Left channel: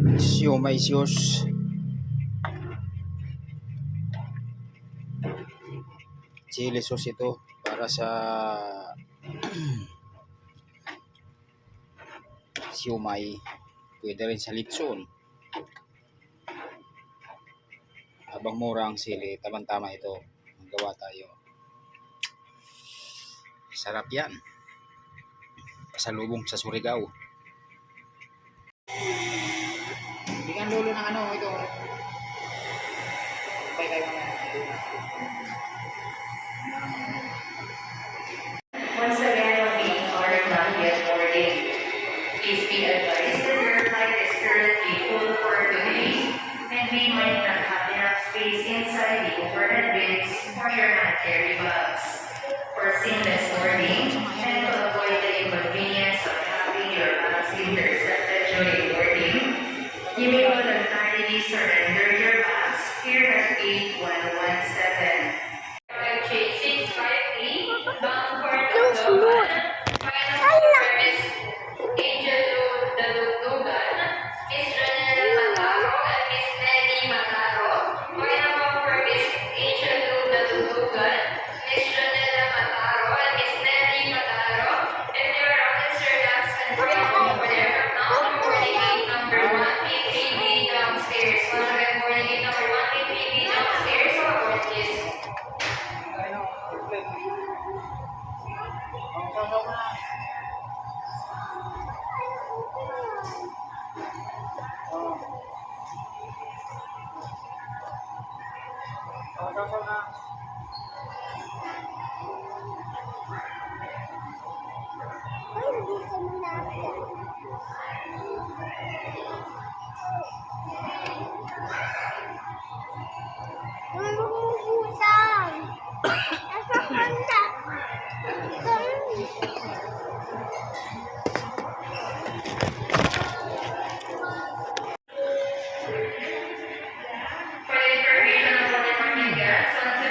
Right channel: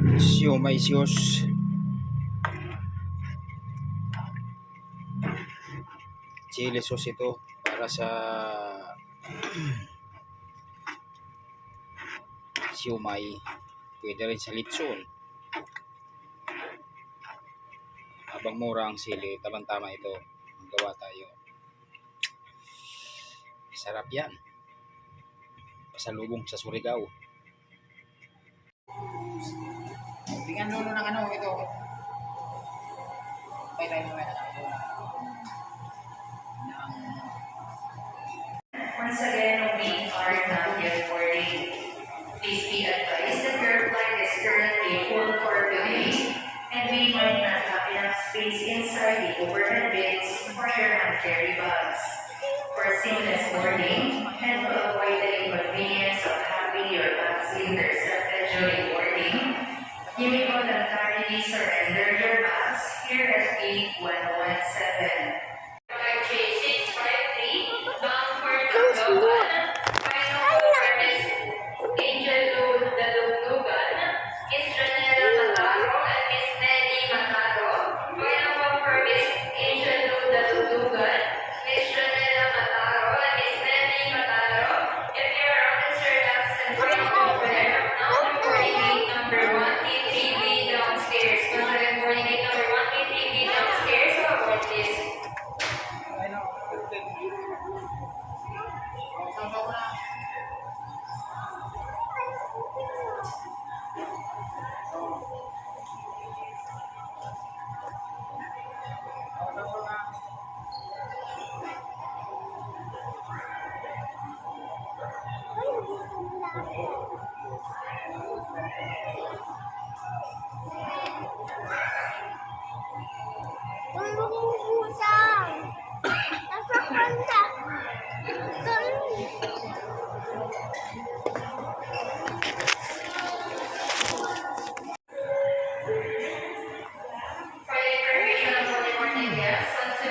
Siomay siyos. Chili sauce ito para sa siomay. Pwede rin sa litson. Habang mura ang sili, tamang-tama ito. Magawa tayo. Sarap yan. Pasalubong sa Surigao. Bigyan lolo ng ano ito. Once again, we are not yet boarding. Please be advised that your flight is currently full for today, and we might not have enough space inside the overhead bins for your hand carry bags. For seamless boarding and to avoid the inconvenience of having your bags intercepted during boarding, you may voluntarily surrender your bags here at gate 117. Flight J653, bound for Tacloban. Final service, Angel Dadugdugan, Miss Janela Mataro, and Miss Nelly Mataro. Final for Miss Angel Dadugdugan, Miss Janela Mataro, and Miss Nelly Mataro. If you are on Sir Dax and final over there, now boarding gate number 133B downstairs. Once again, boarding gate number 133B downstairs. So, aboard please.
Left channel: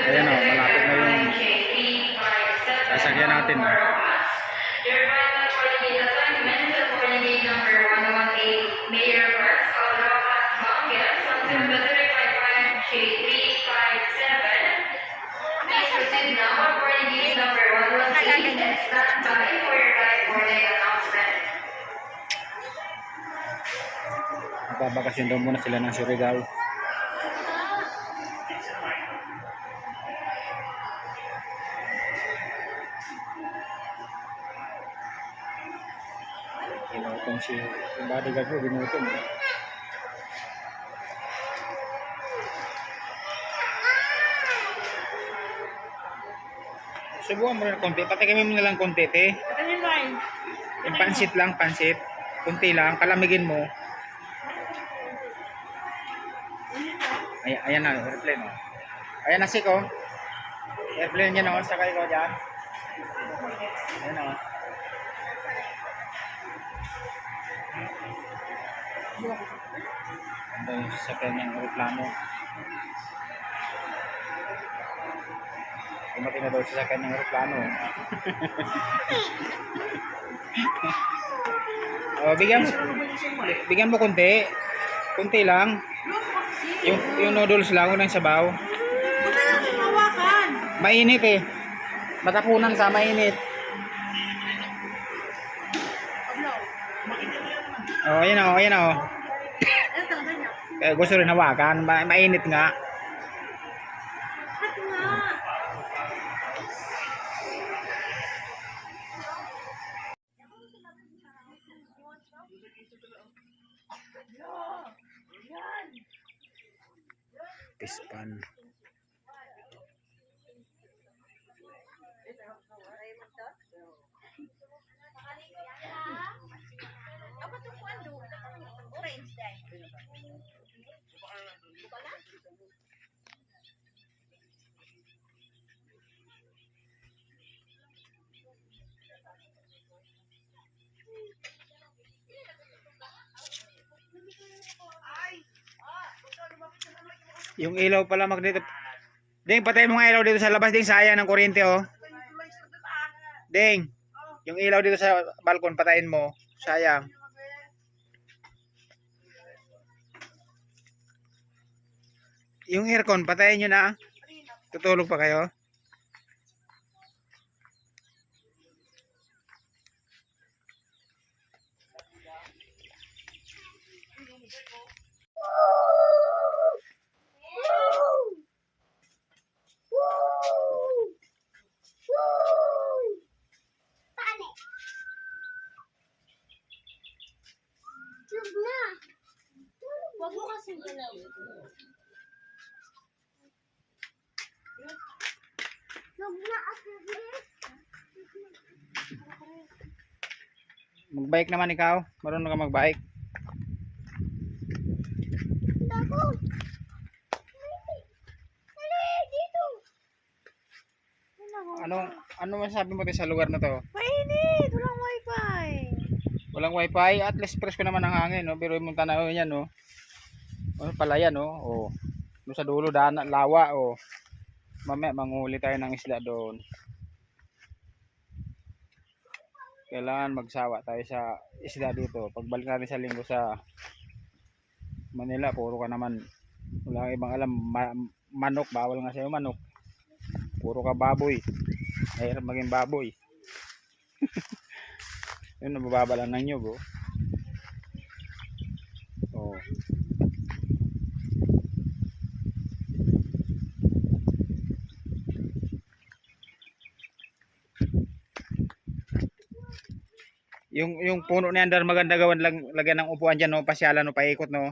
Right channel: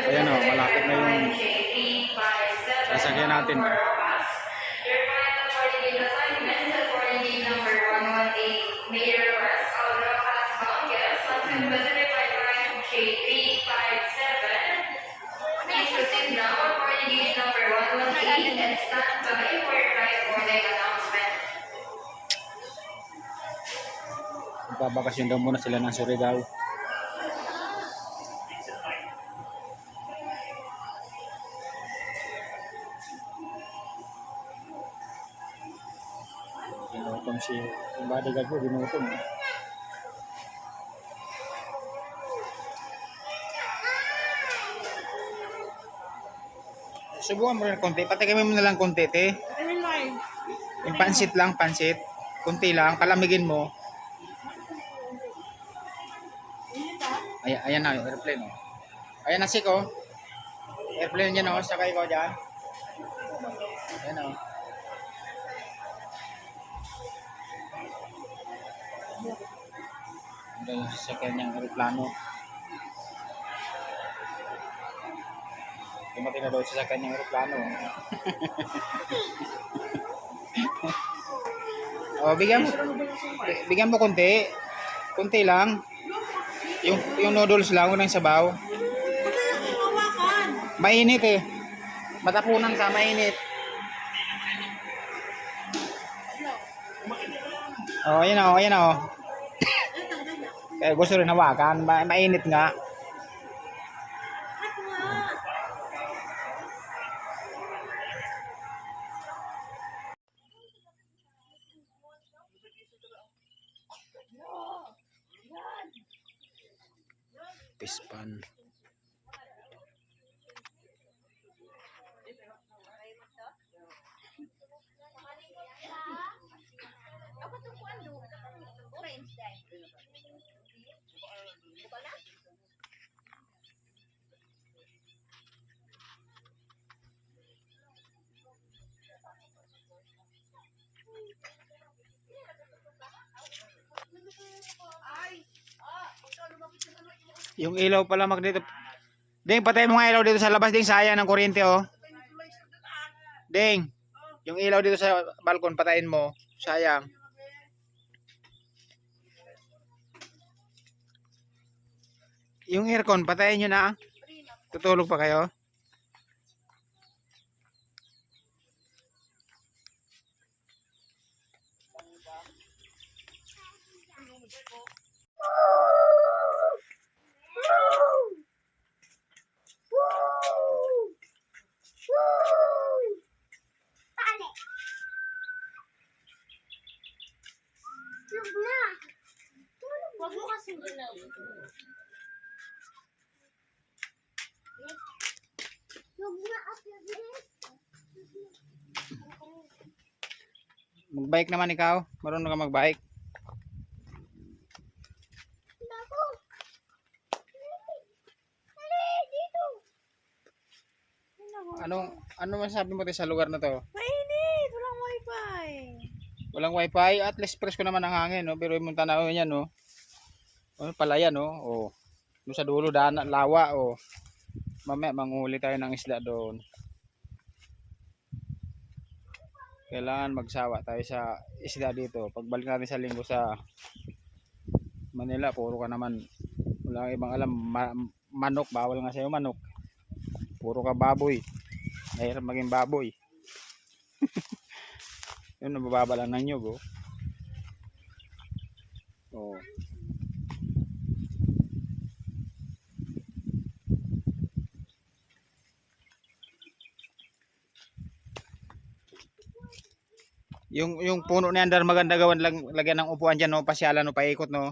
Ayan o, malapit na yung sasakyan natin. Your final boarding assignment is boarding number 118, Mayor Bus, Rojas, Mangas, Sunset Pacific Line J357. Please proceed now on boarding gate number 118 and stand by for your flight boarding announcement. Babakasyon daw muna sila ng Surigao. Ginutom si yung bodyguard ko, ginutom. Subukan mo rin konti. Patikimin mo na lang konti, te. Yung pansit lang, pansit. Kunti lang, palamigin mo. Ayan na, airplane oh. Ayan na siko. Airplane yan oh, sakay ko dyan. Ayan oh. Ito yung sasakyan ng aeroplano. Dumating na daw sa sasakyan ng aeroplano. Oh, bigyan mo konti. Konti lang. Yung noodles lang, unang sabaw. Mainit eh. Matapunan sa mainit. Oh, ayan oh, ayan oh. Kaya gusto rin hawakan, mainit nga. Pispan. Yung ilaw pala magneto. Ding, patay mo nga ilaw dito sa labas, ding, sayang ng kuryente oh. Ding, yung ilaw dito sa balkon patayin mo, sayang. Yung aircon, patayin nyo na. Tutulog pa kayo? Huwag mo kasing galaw. Magbike naman ikaw. Marunong ka magbike. Ano masasabi mo tayo sa lugar na to? Mainit! Walang wifi! Walang wifi, at least fresh ko naman ang hangin, no? Pero yung tanawin yan, no? Ano pala yan, no? Oh. Doon sa dulo, lawa, oh. Mamaya, manghuli tayo ng isda doon. Kailangan magsawa tayo sa isda dito. Pagbalik natin sa linggo sa Manila, puro ka naman. Wala kang ibang alam. Manok, bawal nga sa'yo manok. Puro ka baboy. Mahirap maging baboy. Yun, nabababa lang ng nyug, oh. Oh. Yung puno na yan, dar maganda gawan lang, lagyan ng upuan diyan, no, pasyalan, no, paikot, no.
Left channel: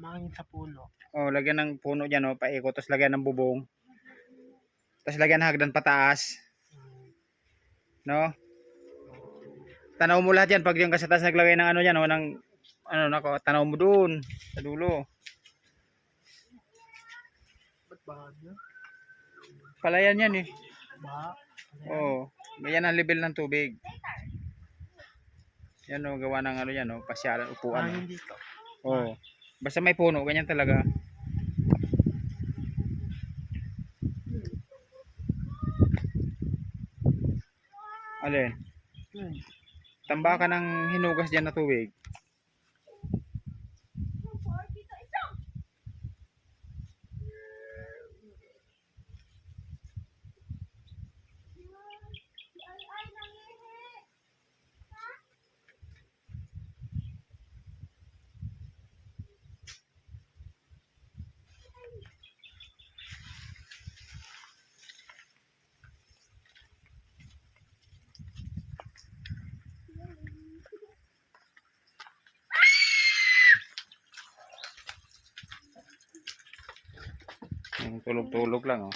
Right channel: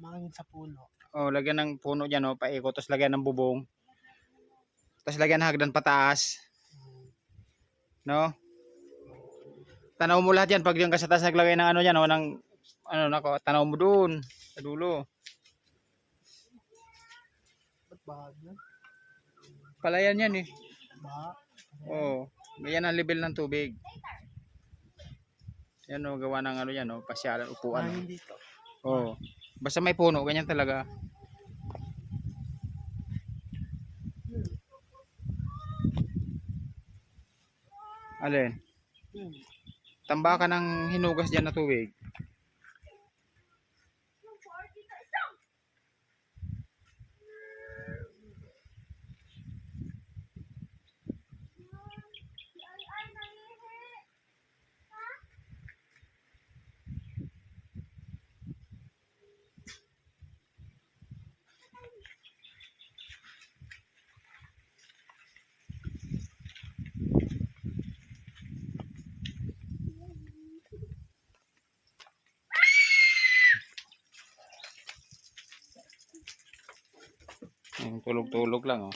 Mangin sa puno. Oh, lagyan ng puno diyan, no, paikot, tapos lagyan ng bubong. Tapos lagyan ng hagdan pataas. No? Tanaw mo lahat yan pag yung kasatas naglagay ng ano diyan, no, ng ano nako, tanaw mo doon sa dulo. Ba't bahag na? Palayan yan eh. Baha? Oh, ganyan ang level ng tubig. Yan, no, gawa ng ano yan, no, pasyalan, upuan. Mangin dito. Oh. Basta may puno, ganyan talaga. Alin? Tambakan ng hinugas diyan na tubig. Tulog-tulog lang, oh.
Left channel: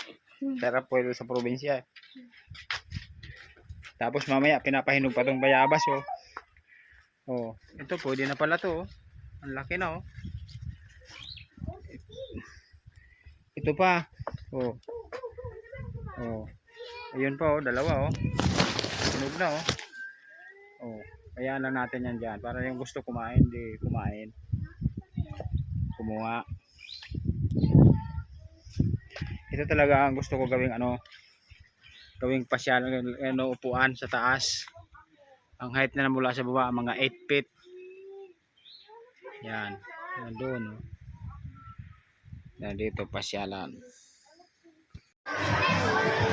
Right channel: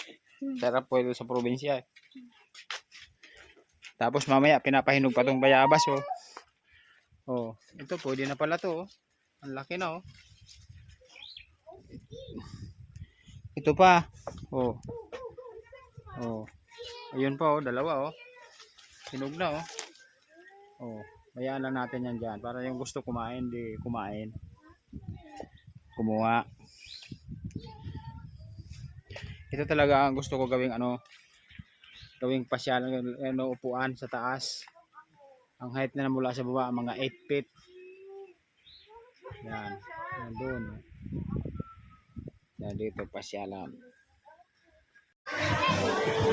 Sarap po ito sa probinsya. Tapos mamaya pinapahinog pa tong bayabas, oh. Oh, ito pwede na pala to, oh. Ang laki na, oh. Ito pa. Oh. Oh. Ayun pa, oh, dalawa, oh. Hinog na, oh. Oh, hayaan lang natin yan diyan para yung gusto kumain, di kumain. Kumuha. Ito talaga ang gusto ko gawing ano, gawing pasyal, ano, upuan sa taas. Ang height na mula sa baba mga 8 feet. Yan, doon, oh. Yan dito pasyalan.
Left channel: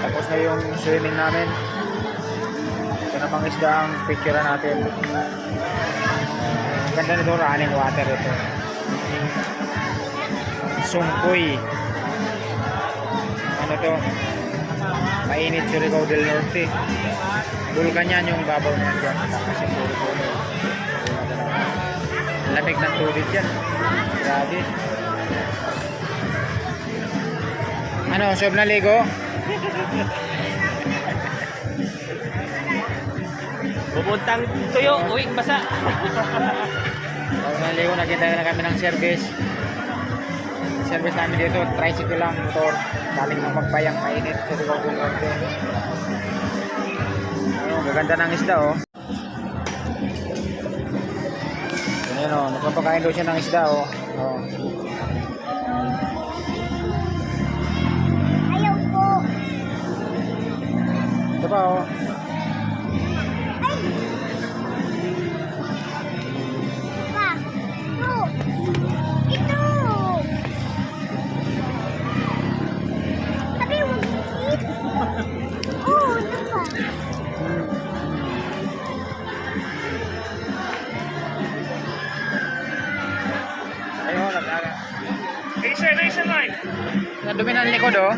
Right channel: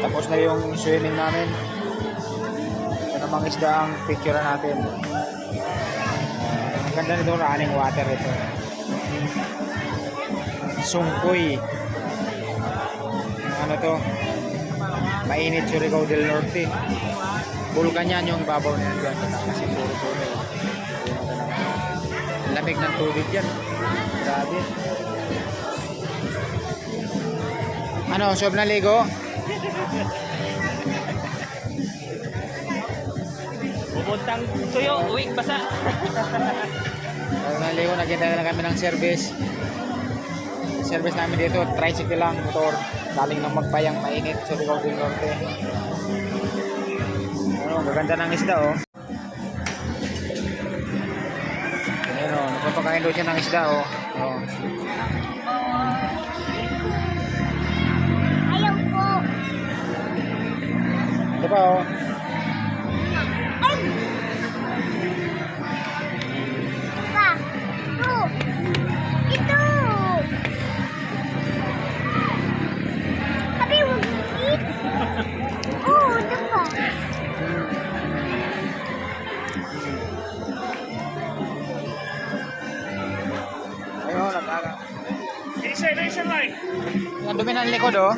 Tapos na yung swimming namin. Ito namang isda ang picture natin. Ang ganda nito, running water ito. Sungkoy. Ano to, mainit, Surigao del Norte. Bulkan yan, yung babaw na yan dyan sa taas, yung puro puno. Lamig ng tubig yan, grabe. Ano, sob na ligo? Pupuntang tuyo, uwing basa. Sob na ligo, nagtinda na kami ng service. Service namin dito, tricycle lang, motor, galing ng Magbayang, mainit, Surigao del Norte. Ano, gaganda ng isda, oh. Ayan, oh, nagpapakain daw siya ng isda, oh. Oh. Ito pa, oh. Ang dumi ng likod oh.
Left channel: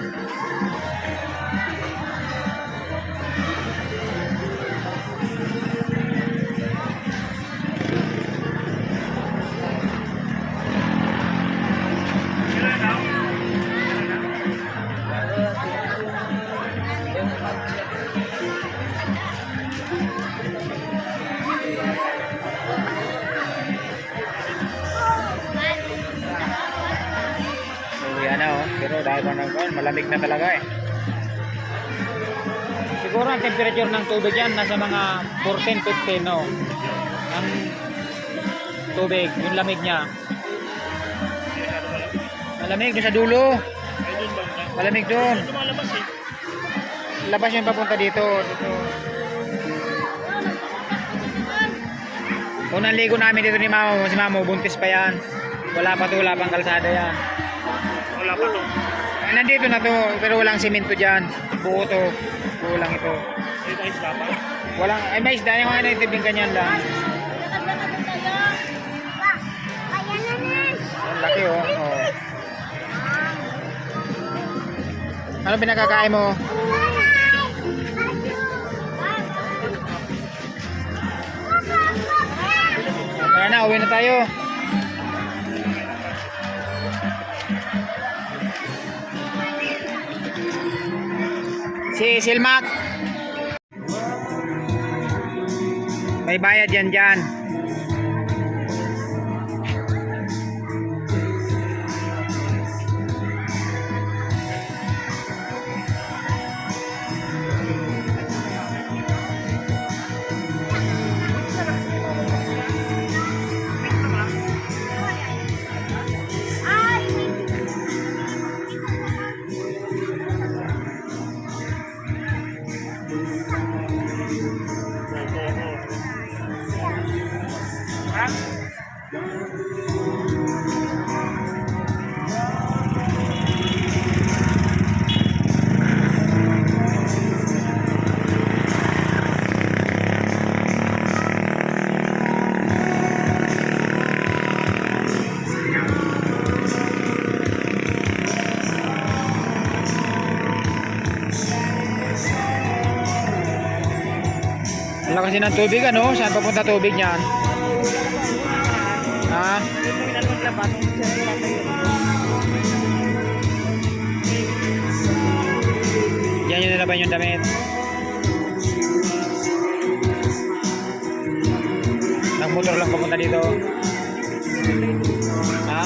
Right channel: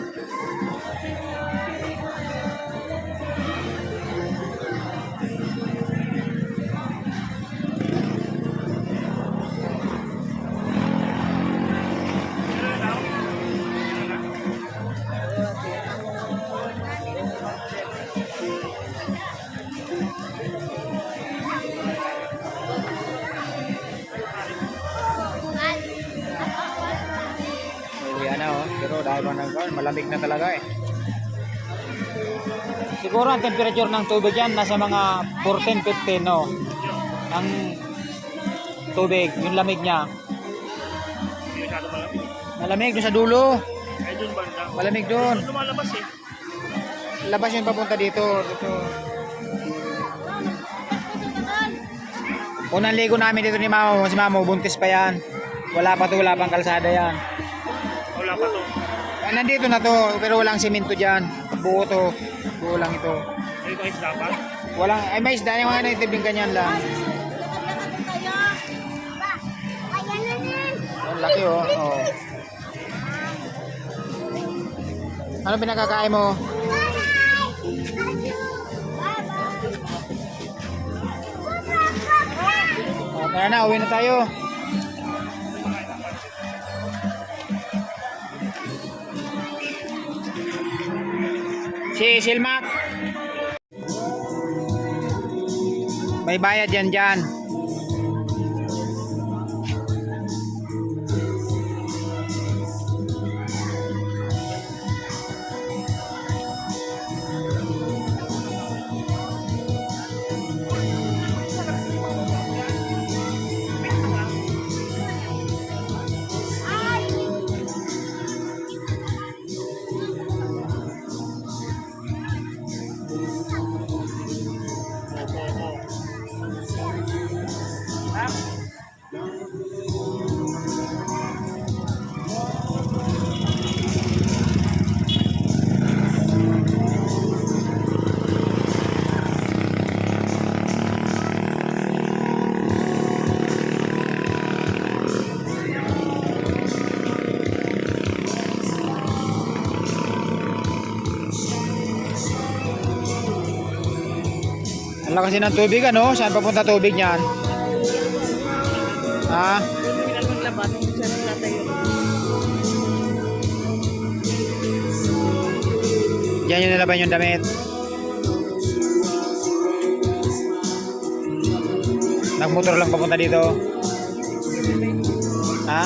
So yan na oh. Pero dahil pa malamig na talaga eh. Siguro ang temperature ng tubig yan nasa mga 14-15 no. Ang tubig, yung lamig niya. Malamig doon sa dulo. Malamig doon. Labas yung papunta dito. Unang ligo namin dito ni Mamo. Si Mamo, buntis pa yan. Wala pang kalsada yan. Wala pa to. Nandito na to, pero walang simento dyan. Buo to. Buo lang ito. May mga isda pa? Walang, ay may isda yung mga naitibing ganyan lang. Ang laki oh. Oh. Ano pinakakain mo? Tara na, uwi na tayo. Si Silmac. May bayad yan dyan. Ang lakas din ng tubig ano? Saan papunta tubig niyan? Ha? Diyan yung nilaban yung damit. Nagmotor lang papunta dito. Ha?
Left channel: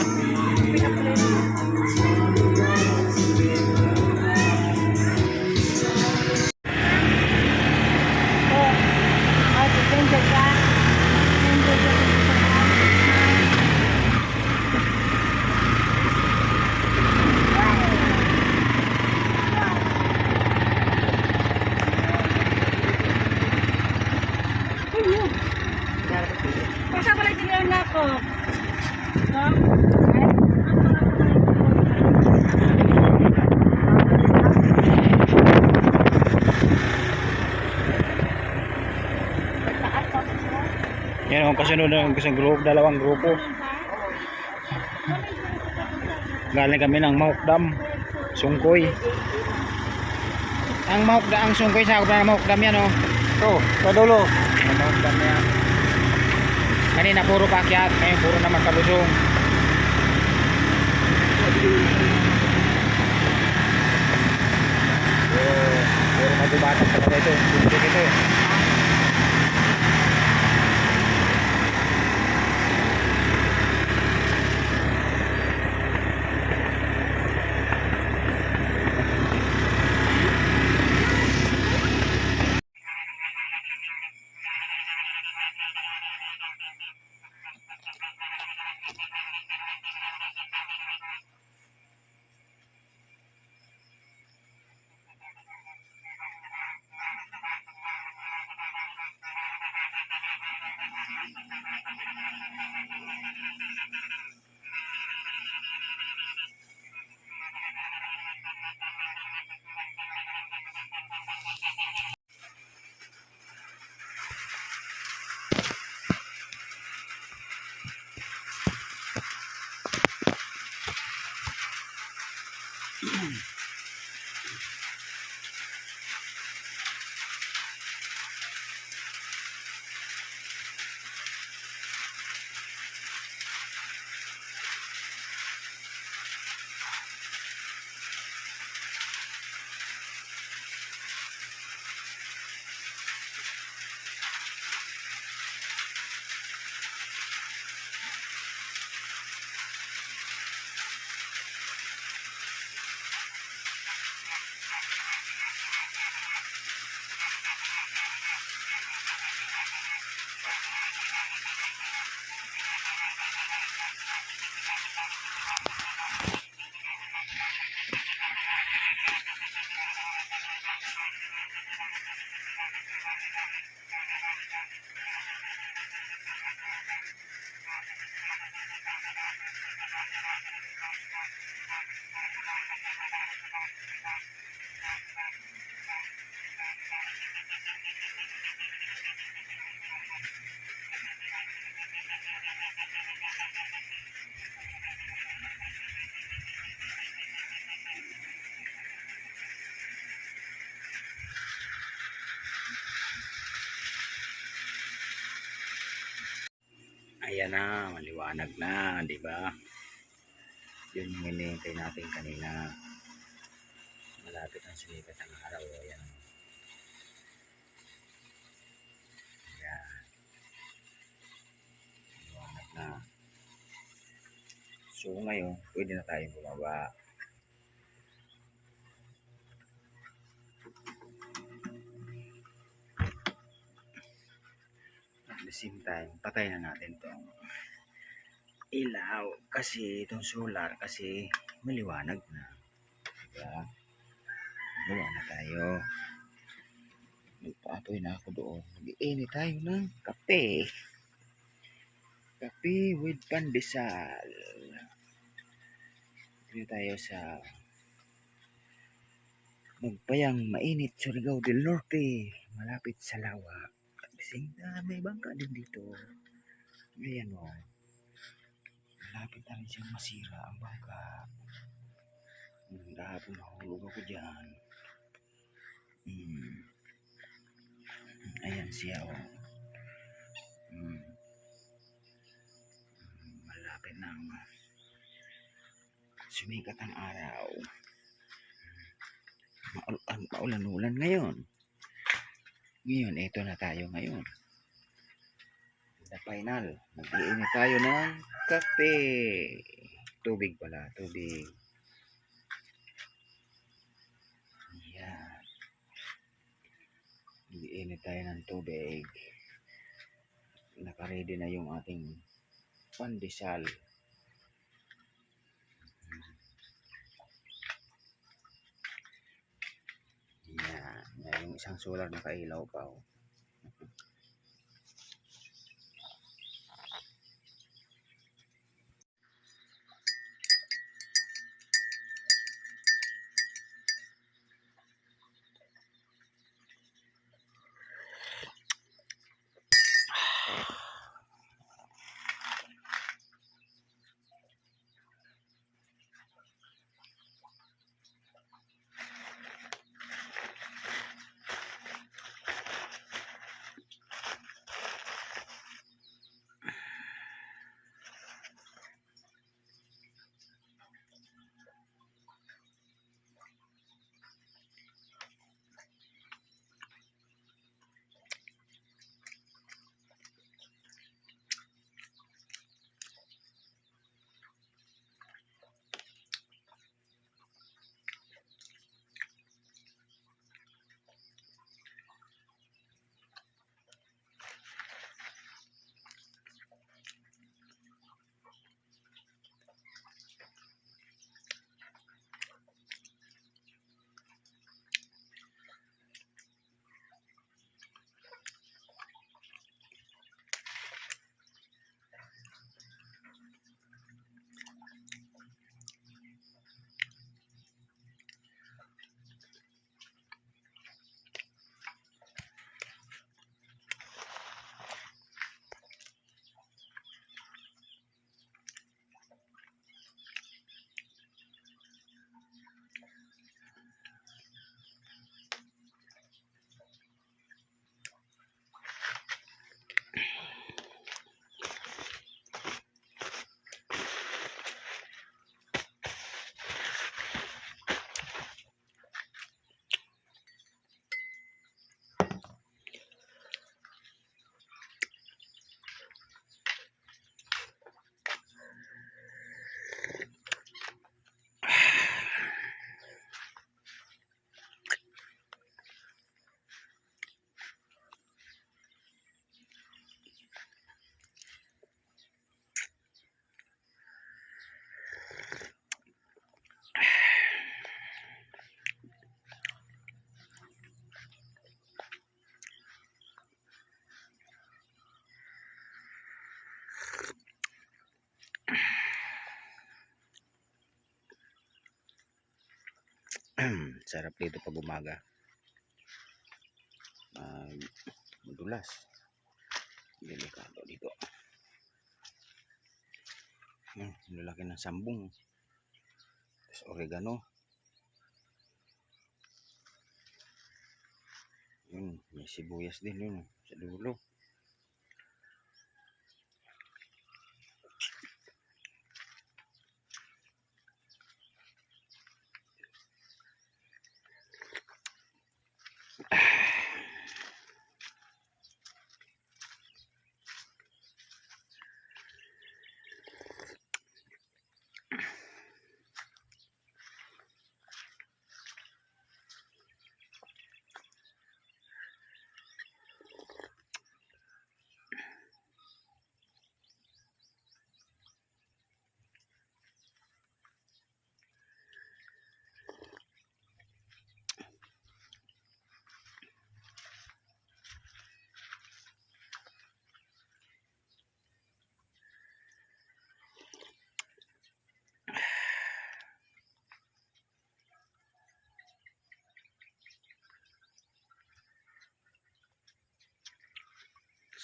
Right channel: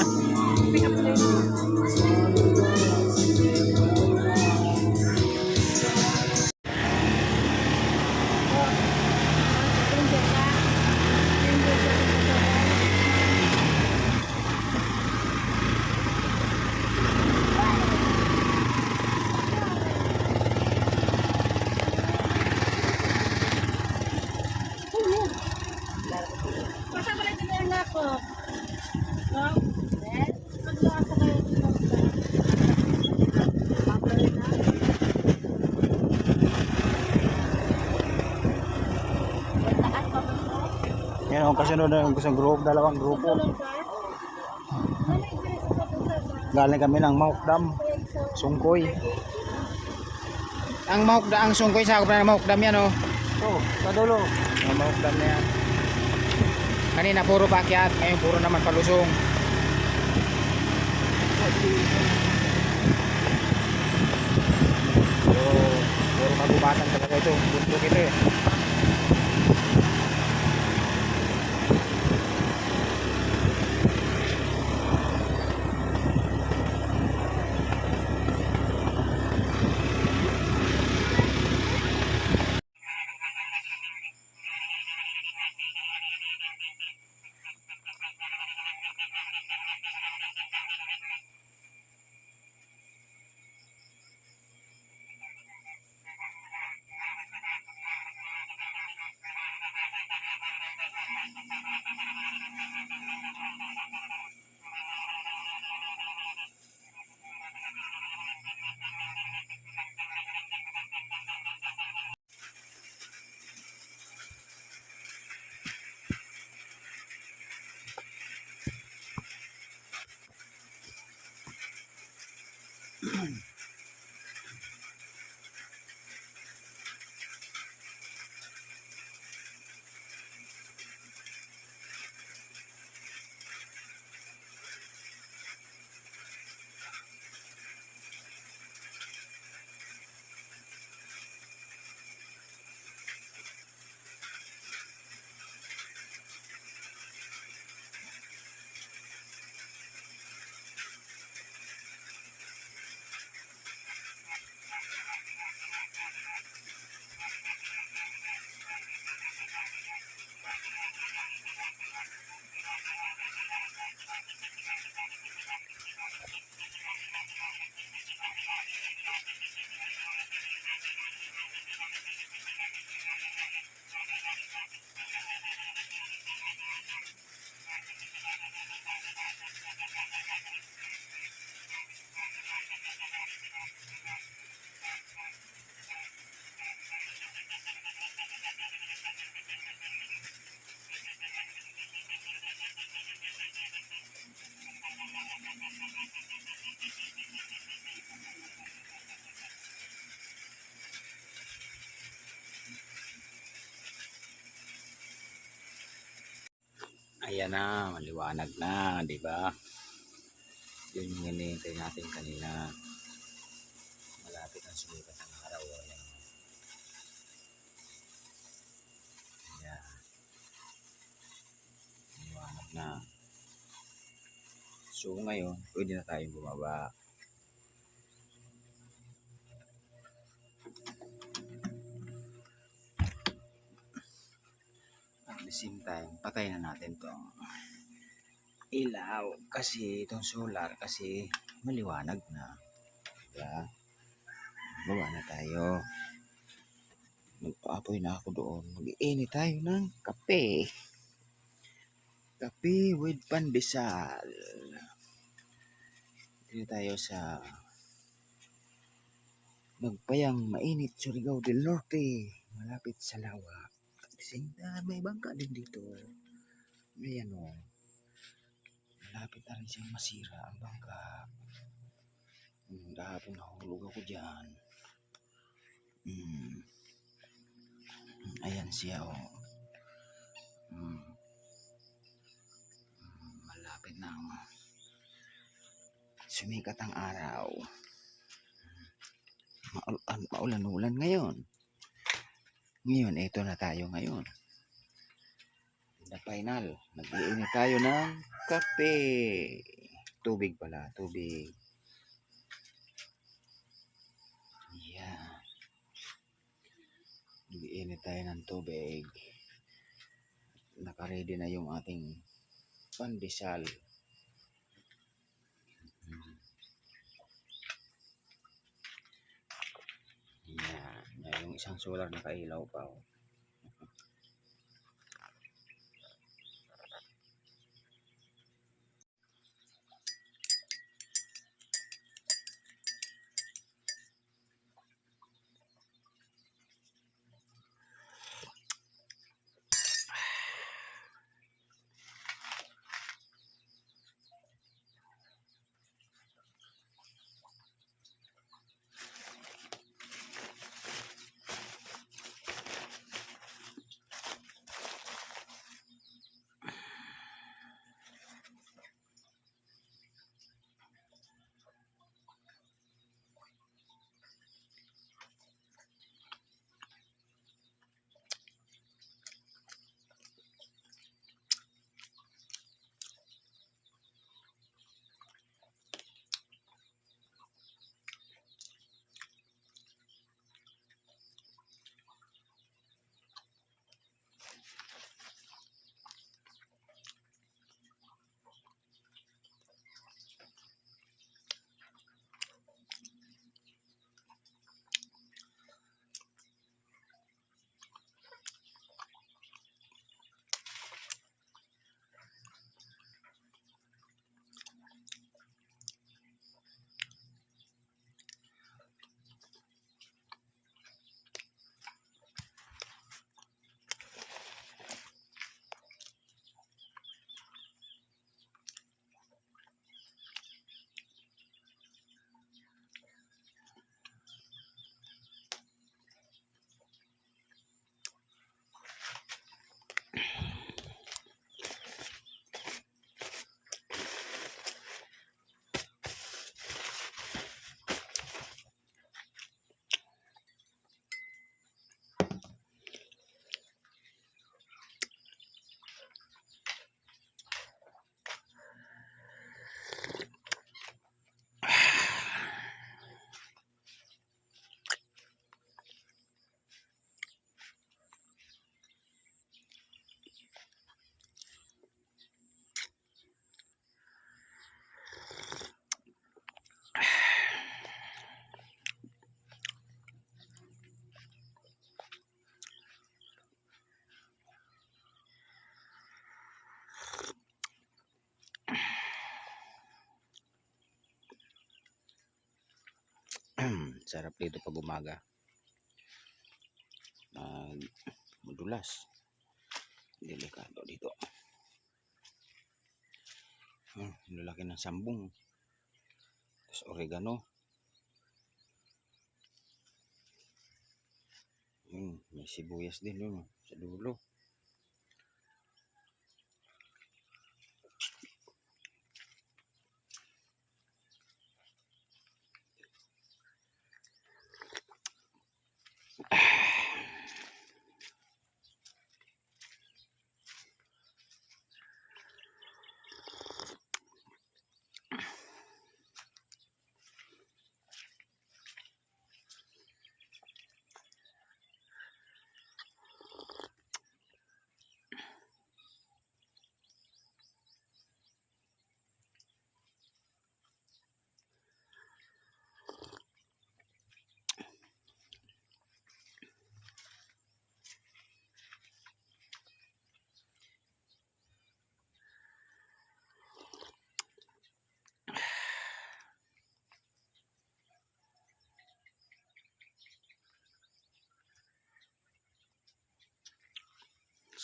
Yan ang kasunod ng isang group, dalawang grupo. Galing kami ng Mahok Dam, Sungkoy. Ang Sungkoy sakop na ng Mahok Dam yan oh. So, sa dulo. Ang Mahok Dam na yan. Kanina puro paakyat, ngayon puro naman palusong. Puro magubatan talaga ito. Bundok ito eh. Ayan na, maliwanag na, di ba? Yun yung hinihintay natin kanina. Malapit ang sumikat ng araw. Ayan. Ayan. Maliwanag na. So ngayon, pwede na tayong bumaba. At the same time, patay na natin tong ilaw. Kasi itong solar, kasi maliwanag na. Diba? Baba na tayo. Magpaapoy na ako doon. Mag-iinit tayo ng kape. Kape with pandesal. Dito tayo sa Magpayang Mainit, Surigao del Norte. Malapit sa Lawa. Kasi may bangka din dito. Ayan o. Malapit na rin siyang masira ang bangka. Kahapon nahulog ako dyan. Ayan siya o. Malapit na sumikat ang araw. Maulan-ulan ngayon. Ngayon, ito na tayo ngayon. The final. Nag-iinit tayo ng kape. Tubig pala, tubig. Yan. Nag-iinit tayo ng tubig. Nakaready na yung ating pandesal. Yan. Yan yung isang solar nakailaw pa. Oh. Sarap dito pag umaga. Madulas. Delikado dito. Lalaki ng sambong. Tapos oregano. May sibuyas din yun sa dulo.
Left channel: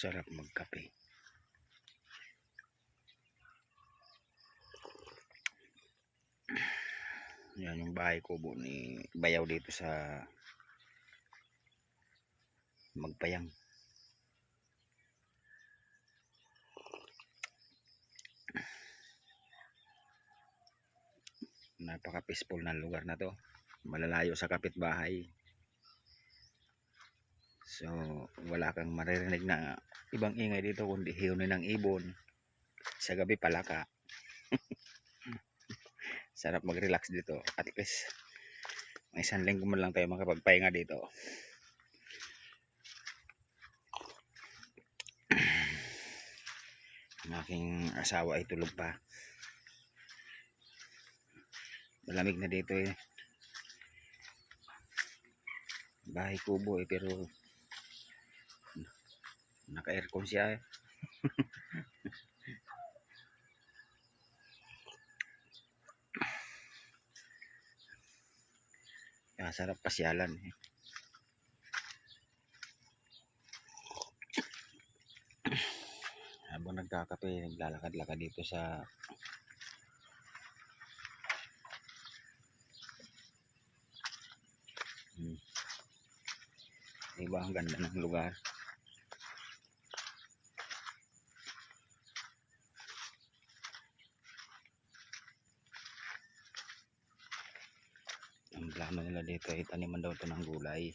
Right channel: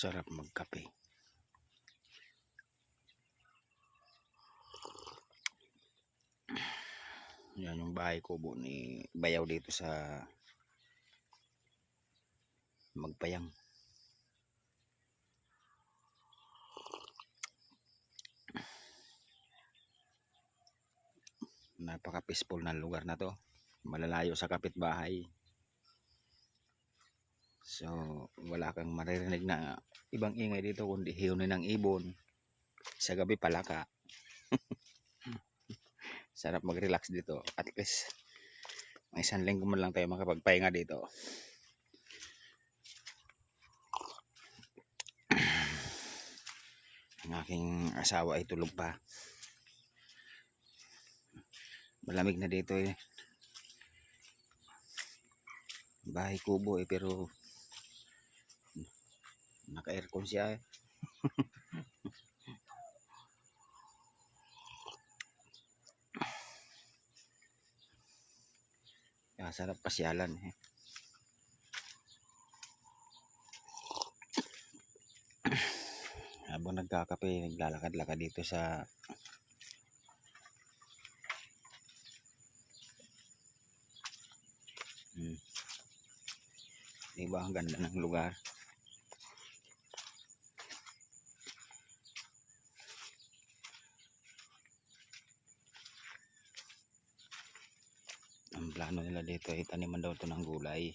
Sarap magkape. Yan yung bahay kubo ni Bayaw dito sa Magpayang. Napaka peaceful ng lugar na to. Malalayo sa kapitbahay. So wala kang maririnig na ibang ingay dito kundi hiyunin ng ibon. Sa gabi palaka. Sarap mag-relax dito. At least may isang linggo man lang tayo makapagpahinga dito. Ang aking asawa ay tulog pa. Malamig na dito eh. Bahay kubo eh, pero naka-aircon siya eh. Kaya sarap pasyalan eh. Habang nagkakape, naglalakad-lakad dito sa diba ang ganda ng lugar. Ang plano nila dito ay taniman daw ito ng gulay.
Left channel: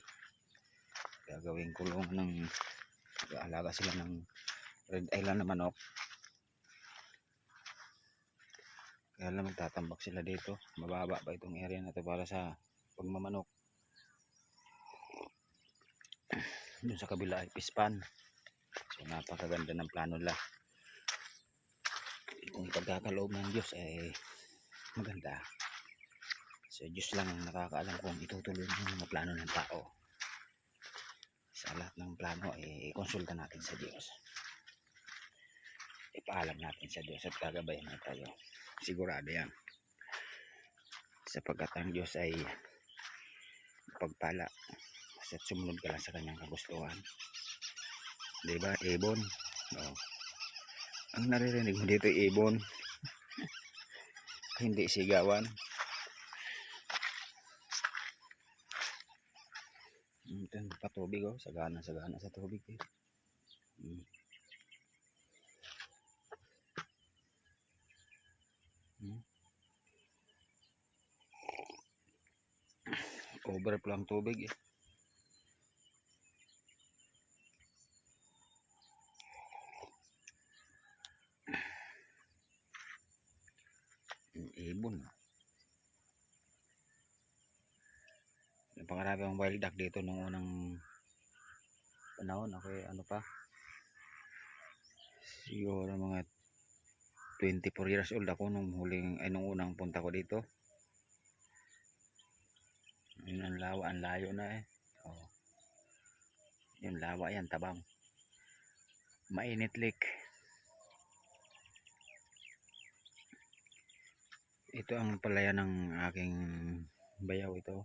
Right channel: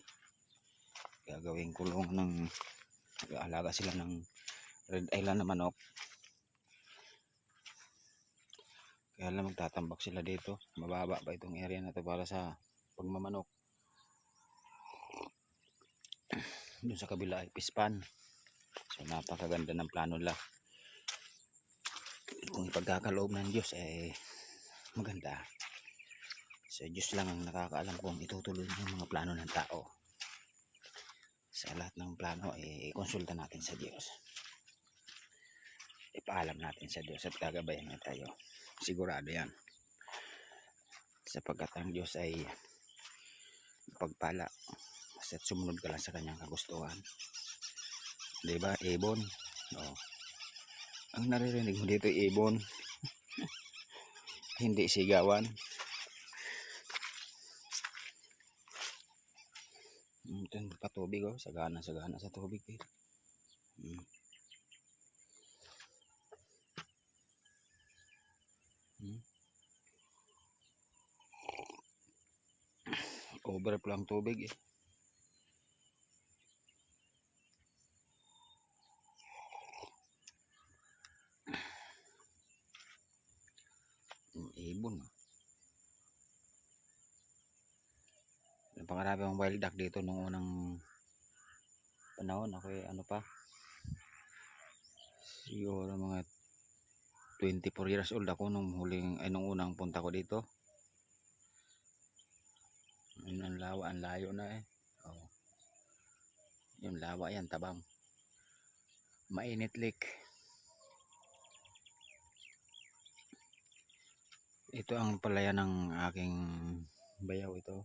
Gagawing kulong ng alaga sila ng Red Island na manok. Kaya lang magtatambak sila dito. Mababa pa itong area na ito para sa pagmamanok. Doon sa kabila ay pispan. So napakaganda ng plano nila. Kung ipagkakaloob ng Diyos ay maganda. So Diyos lang ang nakakaalam kung itutuloy ng mga plano ng tao. Sa lahat ng plano ay konsulta natin sa Diyos. Ipaalam natin sa Diyos at gagabayan na tayo. Sigurado yan. Sapagkat ang Diyos ay pagpala. Basta't sumunod ka lang sa kanyang kagustuhan. Diba? Ibon. Oh. Ang naririnig mo dito ibon. Hindi sigawan. Ito patubig oh. Sagana sa tubig eh. Overflow ang tubig eh. Ibon. Napakarami ang wild duck dito nung unang panahon. Ako eh, ano pa? Siguro mga 24 years old ako nung nung unang punta ko dito. Yun ang lawa, ang layo na eh. Oh. Yung lawa yan, tabang. Mainit lake. Ito ang palayan ng aking bayaw ito.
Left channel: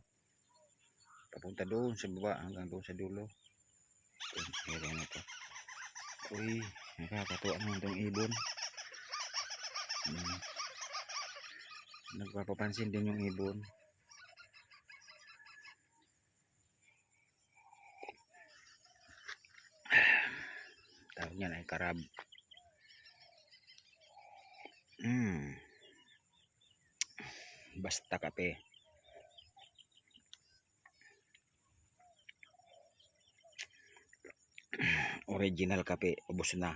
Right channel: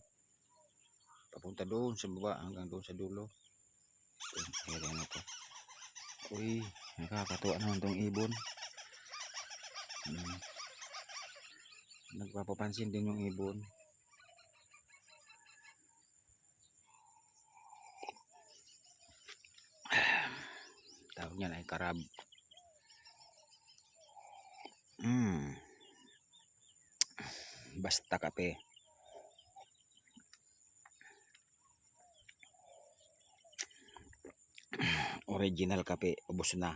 Papunta doon sa baba hanggang doon sa dulo. Ito, na to. Uy, nakakatuwa naman itong ibon. Nagpapapansin din yung ibon. Tawag niyan ay karab. Basta kape. Original kape, ubos na.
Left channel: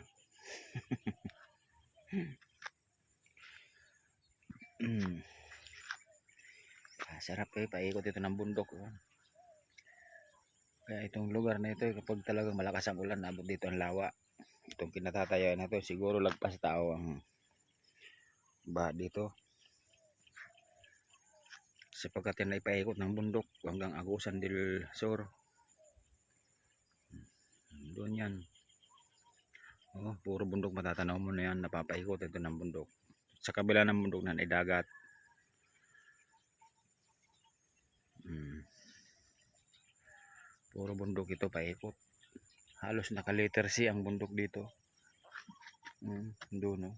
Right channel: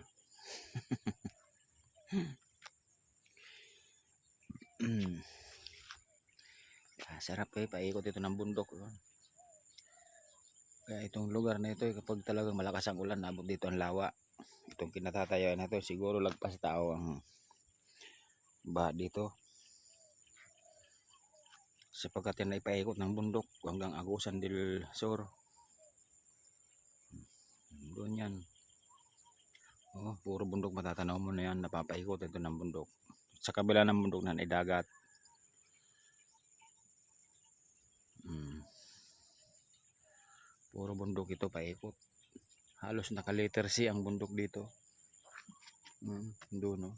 Sarap eh, paikot ito ng bundok. Kaya itong lugar na ito, kapag talagang malakas ang ulan, abot dito ang lawa. Itong kinatatayaan na ito, siguro lagpas tao ang baha dito. Sapagkat yan ay paikot ng bundok hanggang Agusan del Sur. Doon yan. Oh, puro bundok matatanaw mo na yan, napapaikot ito ng bundok. Sa kabila ng bundok na ay dagat. Puro bundok ito paikot Halos naka letter C ang bundok dito. Doon no.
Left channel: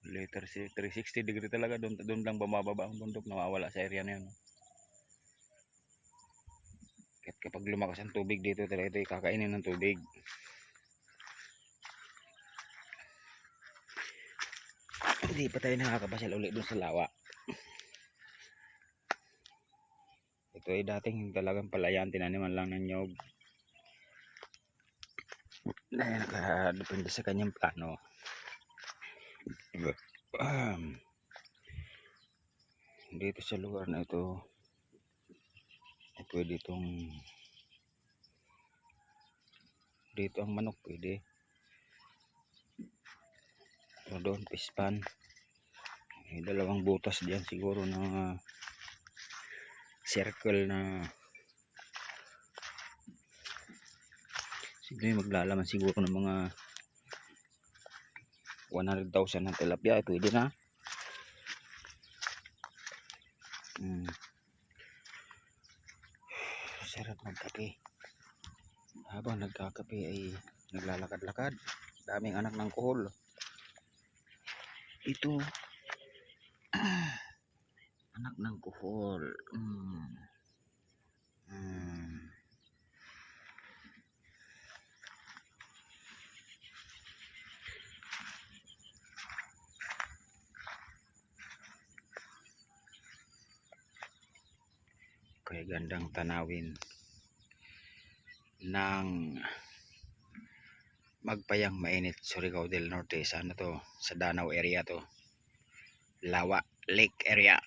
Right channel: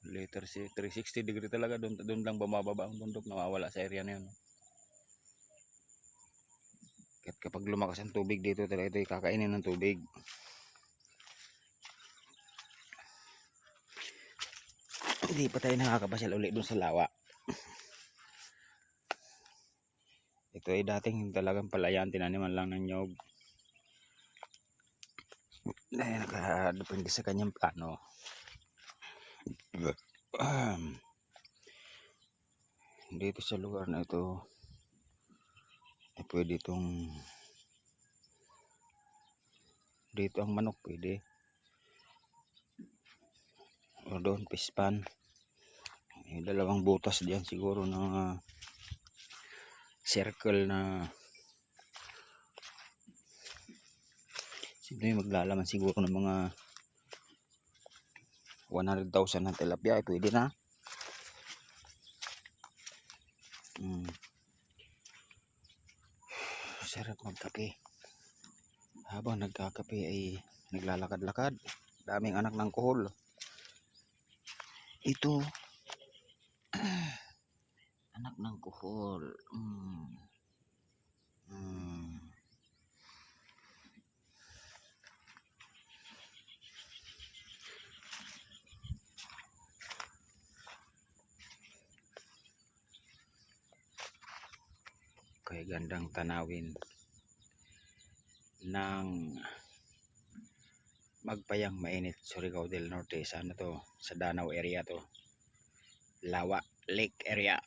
Letter C, 360 degree talaga, doon lang bumababa ang bundok, nawawala sa area na 'yan. Kahit kapag lumakas ang tubig dito, talaga ito kakainin ng tubig. Hindi pa tayo nakakapasyal ulit doon sa lawa. Ito ay dating talagang palayan, tinaniman lang ng nyog. Dahil nakadepende sa kanyang plano. Dito sa lugar na ito, ay pwede itong dito ang manok pwede. O doon, pispan. May dalawang butas diyan siguro na circle na siguro maglalaman siguro ng mga 100,000 ng tilapia, ay pwede na. Sarap magkape. Habang nagkakape ay naglalakad-lakad. Daming anak ng kuhol. Ito anak ng kuhol. Kaya gandang tanawin ng Magpayang Mainit, Surigao del Norte. Sa ano to? Sa Danau area to. Lawa Lake area.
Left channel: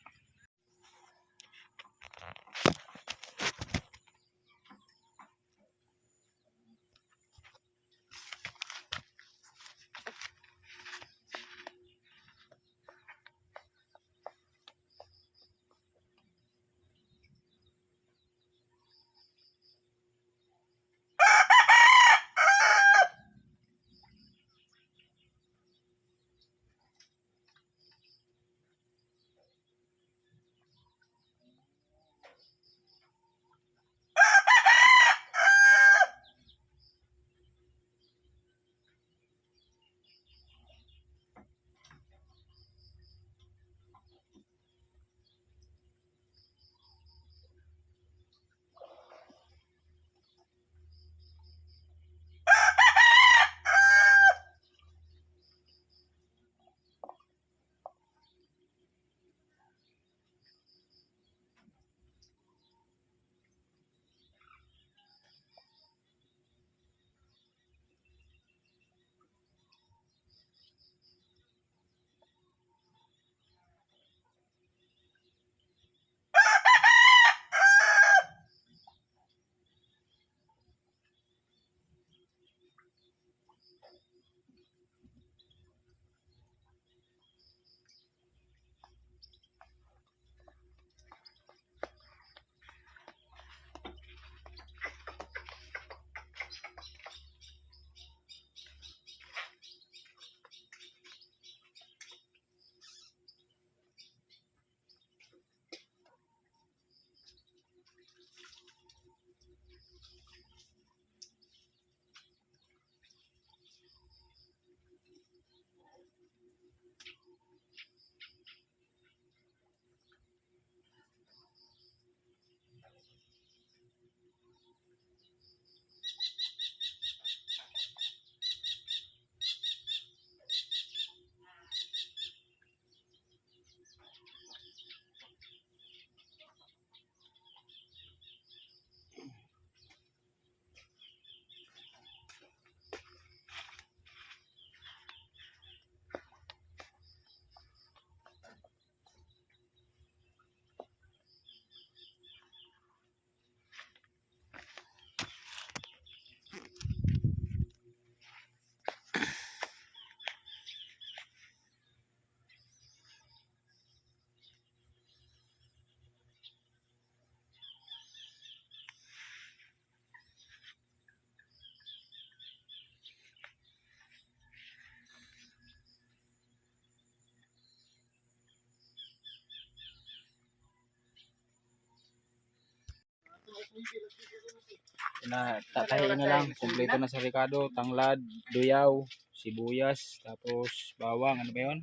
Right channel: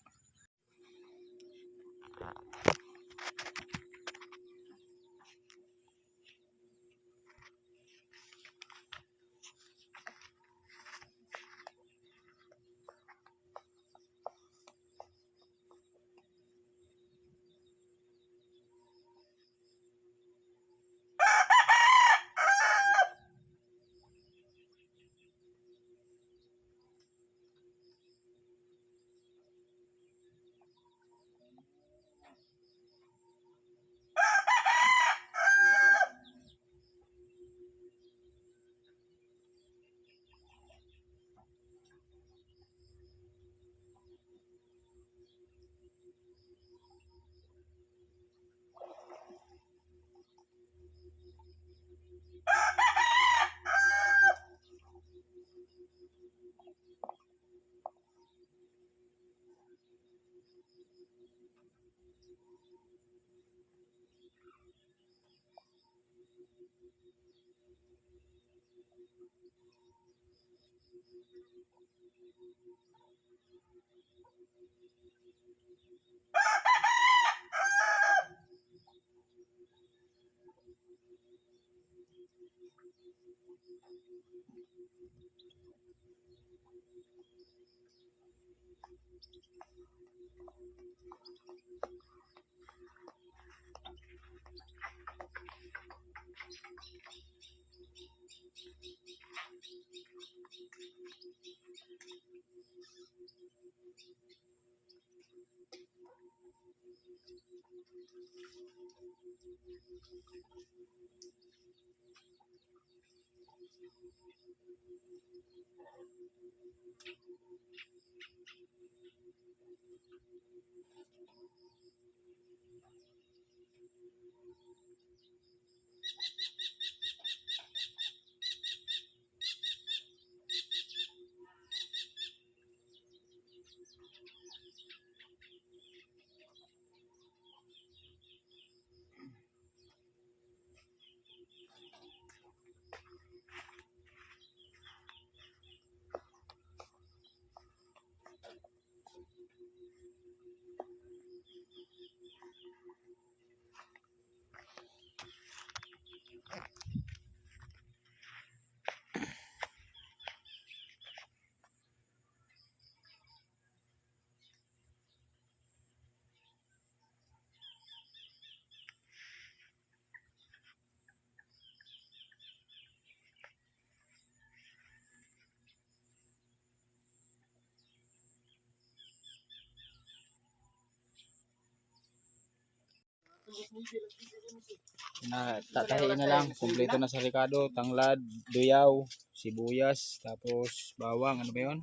Tatahiin na lang. Kumpleto na sa ricado, tanglad, duyaw, sibuyas, tapos bawang, ano ba yun?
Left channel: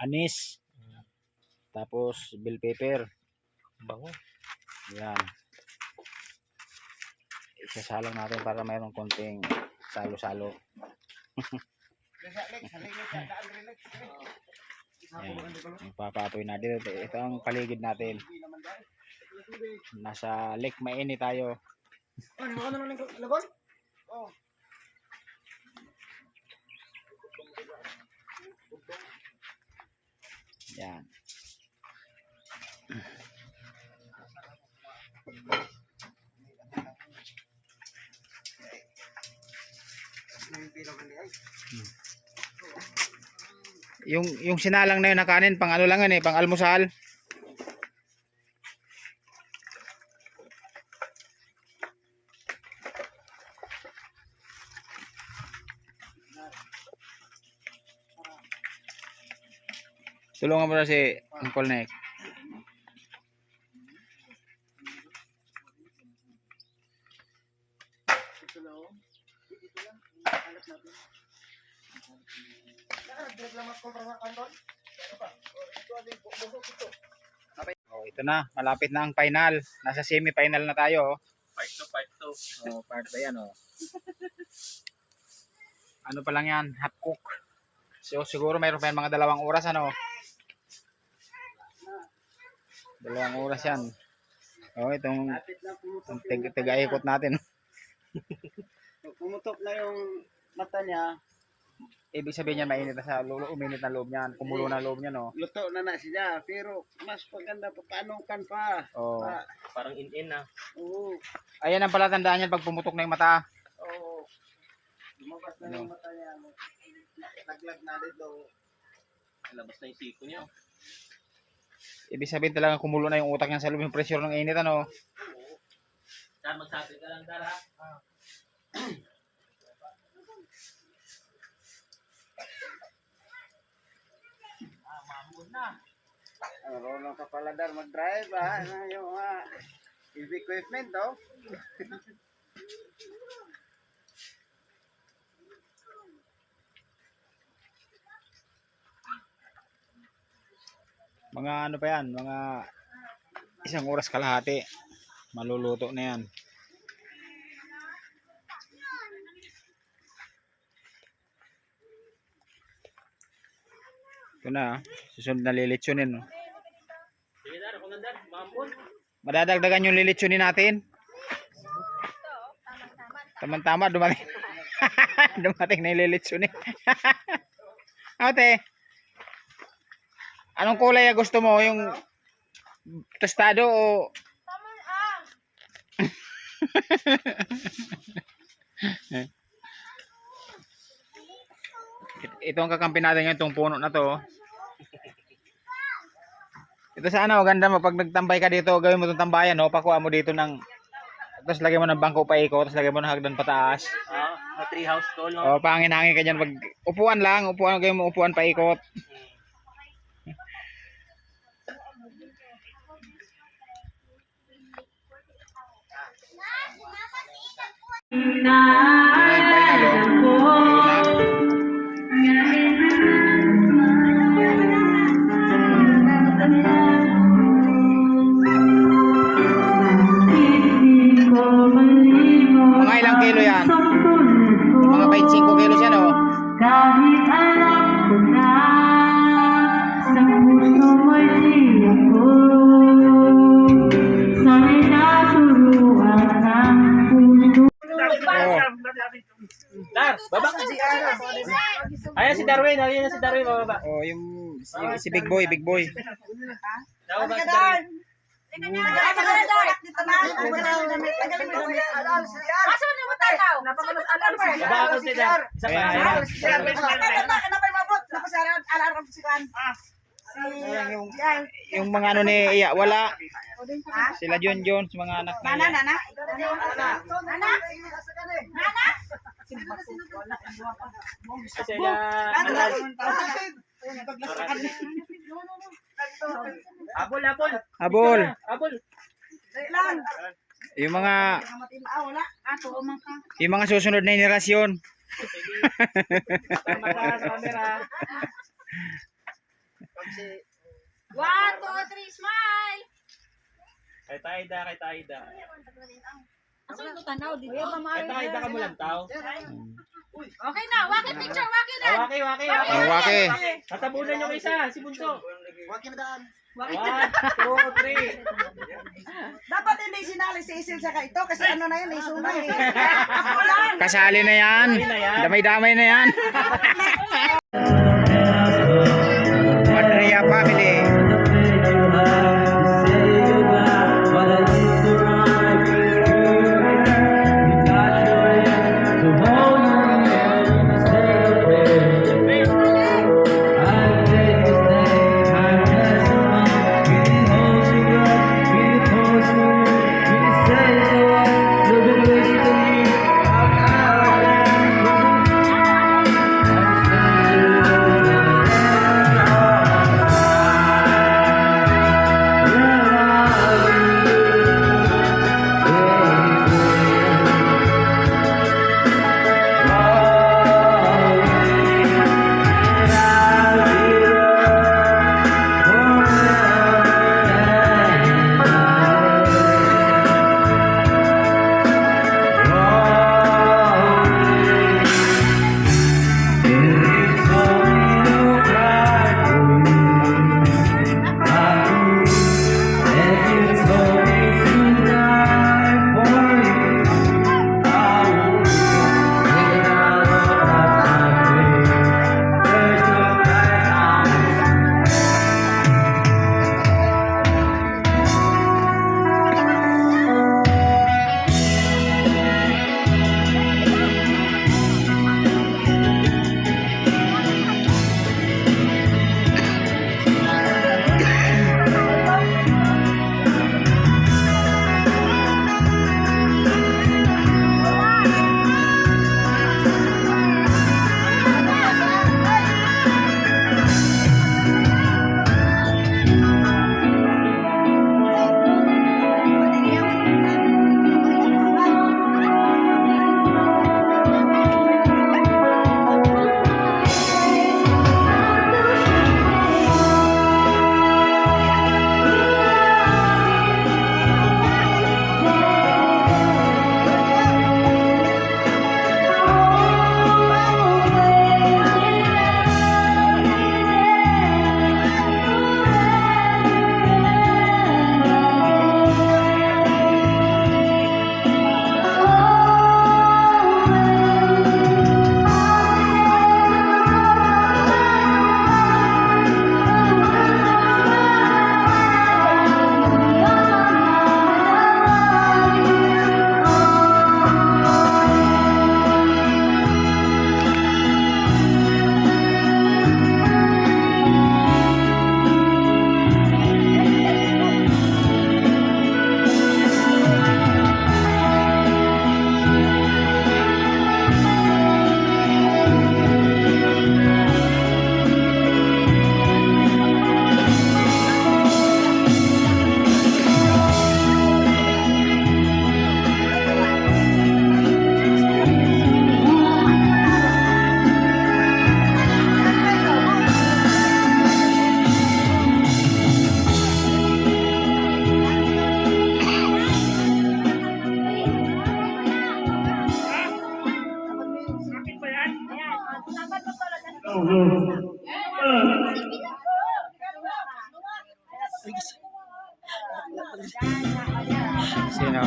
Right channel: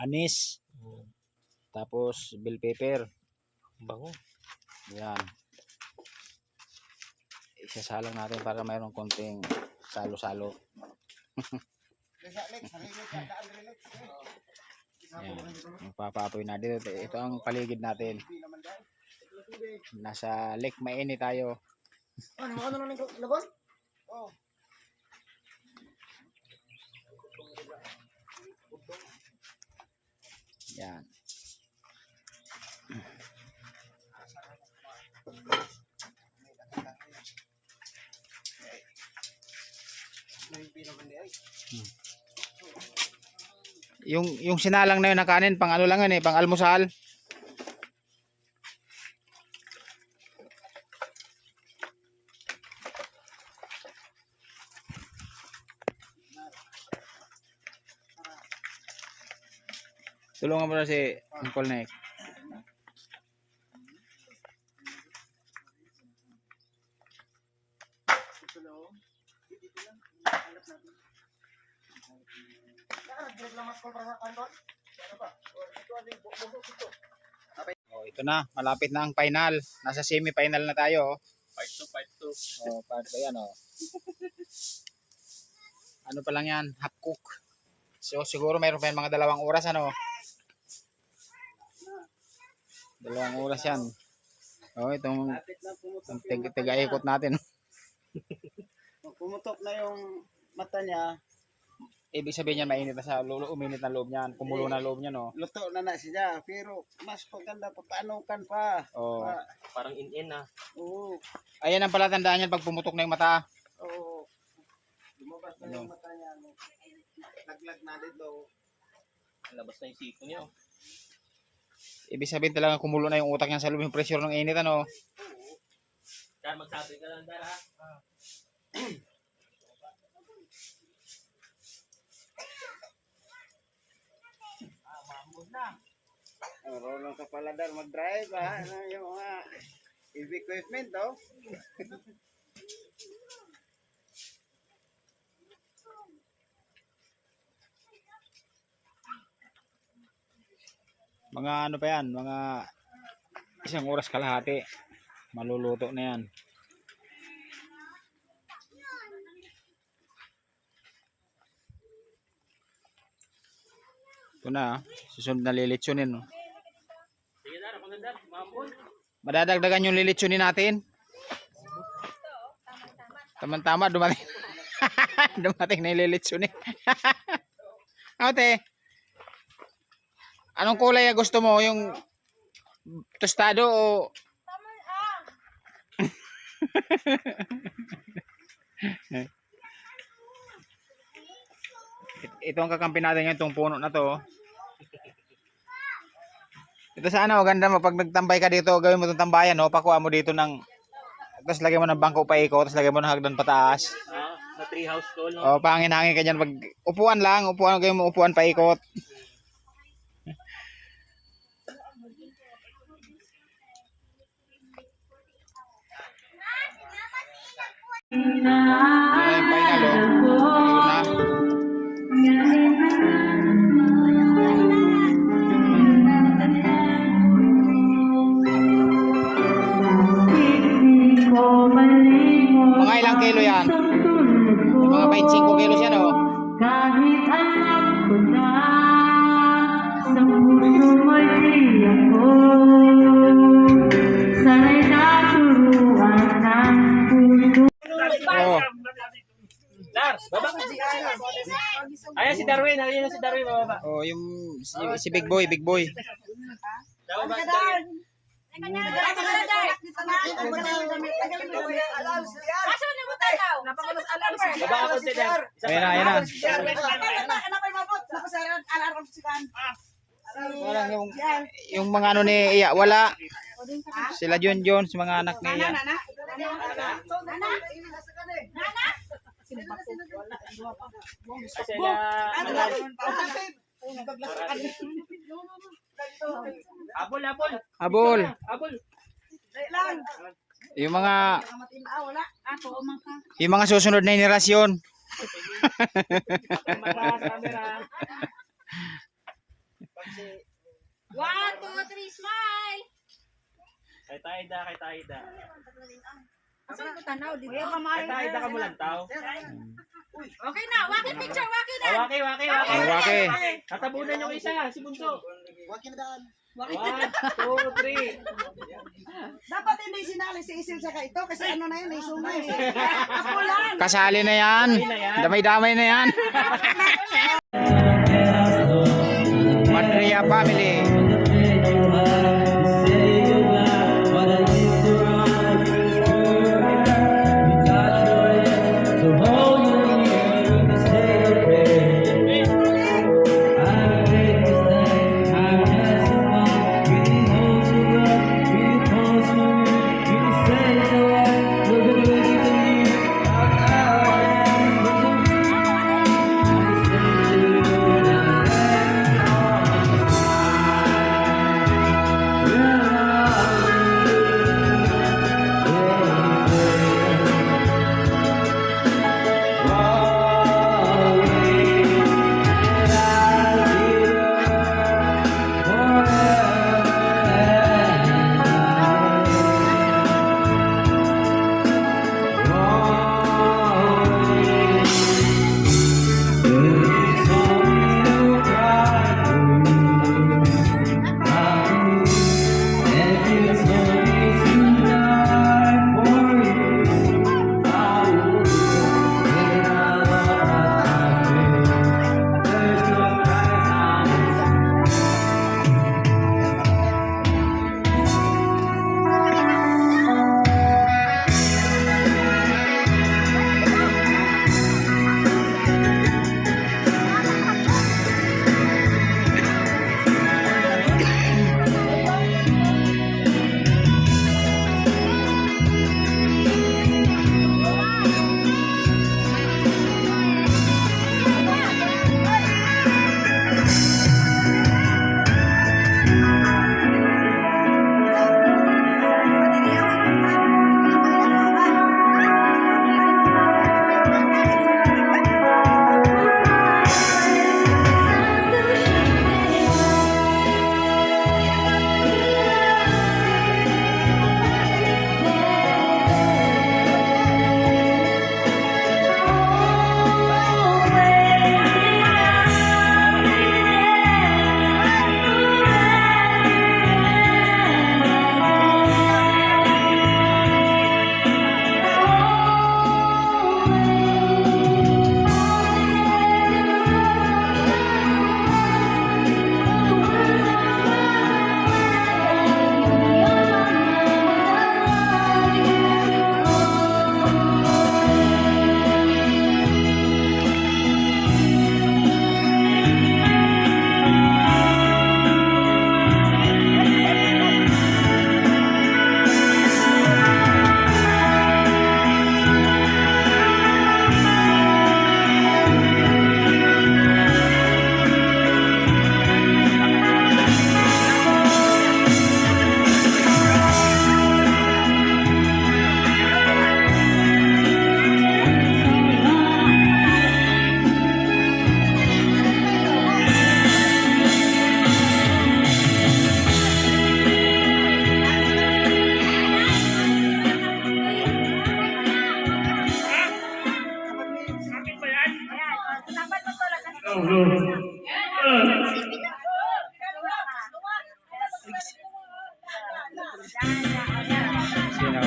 Anis. Tapos bell pepper. Bango. Yan. Isasalang natin para mayroong konting salo-salo. Yan. Yung papapoy na dito. Ito ang paligid natin. Nasa lake mainit tayo. Yan. Yung sinalang na yun na kanin, pang ano lang yan pang almusal. Tulungan mo na si Uncle Nick. Oh, ito na, malapit na ang final. Nasa semi-final na tayo. Part 2, part 2. Oh, part 2 yan Ano pa lang yan, half cook. So siguro mayroon pa yan mga 2 oras ano. 2 oras yan. Oh, itong tiga-ikot natin. Pumutok na yung mata niya, Ibig sabihin niya mainit na sa uminit na loob niyan, kumulo na loob niya no. luto na siya. Pero mas maganda pa paanukan pa. Oh. Parang in-in na. Oo. Ayan ang palatandaan niyan pag pumutok na yung mata. Oo. Lumabas na yung mata niya. Laglag na dito. Labas na yung siko niya. Ibig sabihin talaga kumulo na yung utak niya sa loob, yung pressure ng init ano. Dar, magsabi ka lang, Dar, ha? Marunong ka pala Dar mag-drive ha. Ano yung mga heavy equipment oh. Mga ano pa yan, mga 1 oras kalahati. Maluluto na yan. Ito na, susunod na lilitsunin. Sige, Dar, ako na, Dar. Mampun. Madadagdagan yung lilitsunin natin. Tama-tama, dumating. Dumating na yung lilitsunin. Ate, anong kulay ang gusto mo? Yung tostado o... Ito ang kakampi natin ngayon, itong puno na to. Ito sana maganda mo pag nagtambay ka dito, gawin mo itong tambayan, no? Pakuha mo dito ng, tapos lagyan mo ng bangko pa iko, tapos lagyan mo ng hagdan pataas. Sa tree house tol, no? O, pangin-hangin ka dyan. Pag upuan lang, upuan, gawin mo upuan pa ikot. Yun na yung final, oh. Yun na. Mga ilang kilo yan? Mga 25 kilos yan oh. Kahit alam ko na sa puso mo'y di ako sana'y naturuan ng puso. Oh. Dar, baba ka si Ayan si Darwin, ayan si Darwin, bababa. Oh, yung si Big Boy, Big Boy. Bababa si Darwin. Baba ako si Dar. Ayan, ayan. Yung mga ano ni Iya, wala. Sila John Jones, mga anak ni Iya. Sila. Abol, abol. Abol. Abol. Yung mga susunod na henerasyon. One, two, three, smile! Kay Taida, kay Taida. Asan mo tanaw dito? Kay Taida ka mo lang tao. Okay na, waki picture, waki na! Waki, waki, Oh, waki. waki. Tatabunan yung isa, si Bunso. Wag na daan. 1, 2, 3. Dapat hindi sinali si Isil sa ito kasi ano na yun, isunod. Ako lang. Kasali na yan. Damay-damay na yan. Madria family. Sino?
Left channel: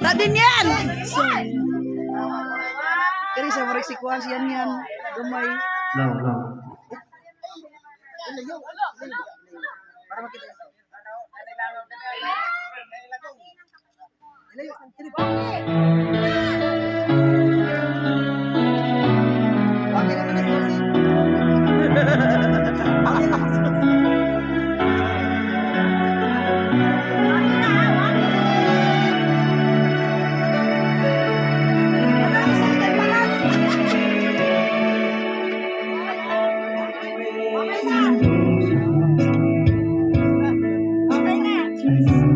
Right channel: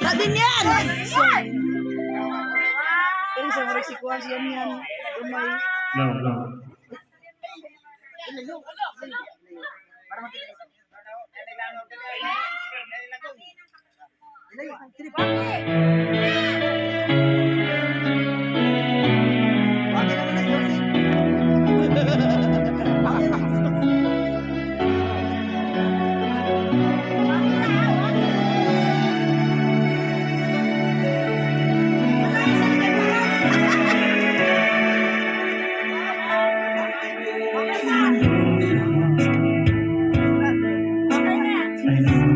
Nadin yan! Kaya sa mga sequence yan yan. Umay. No, no. Thank you.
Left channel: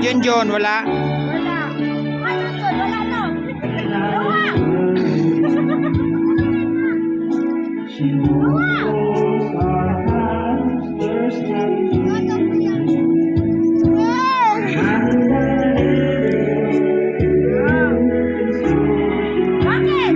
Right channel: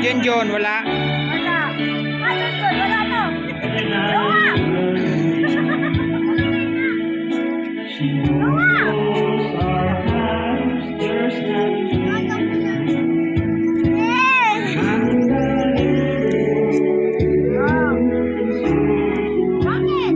Junjun, wala. Wala. Ano to? Wala to. Gawa. Bakit?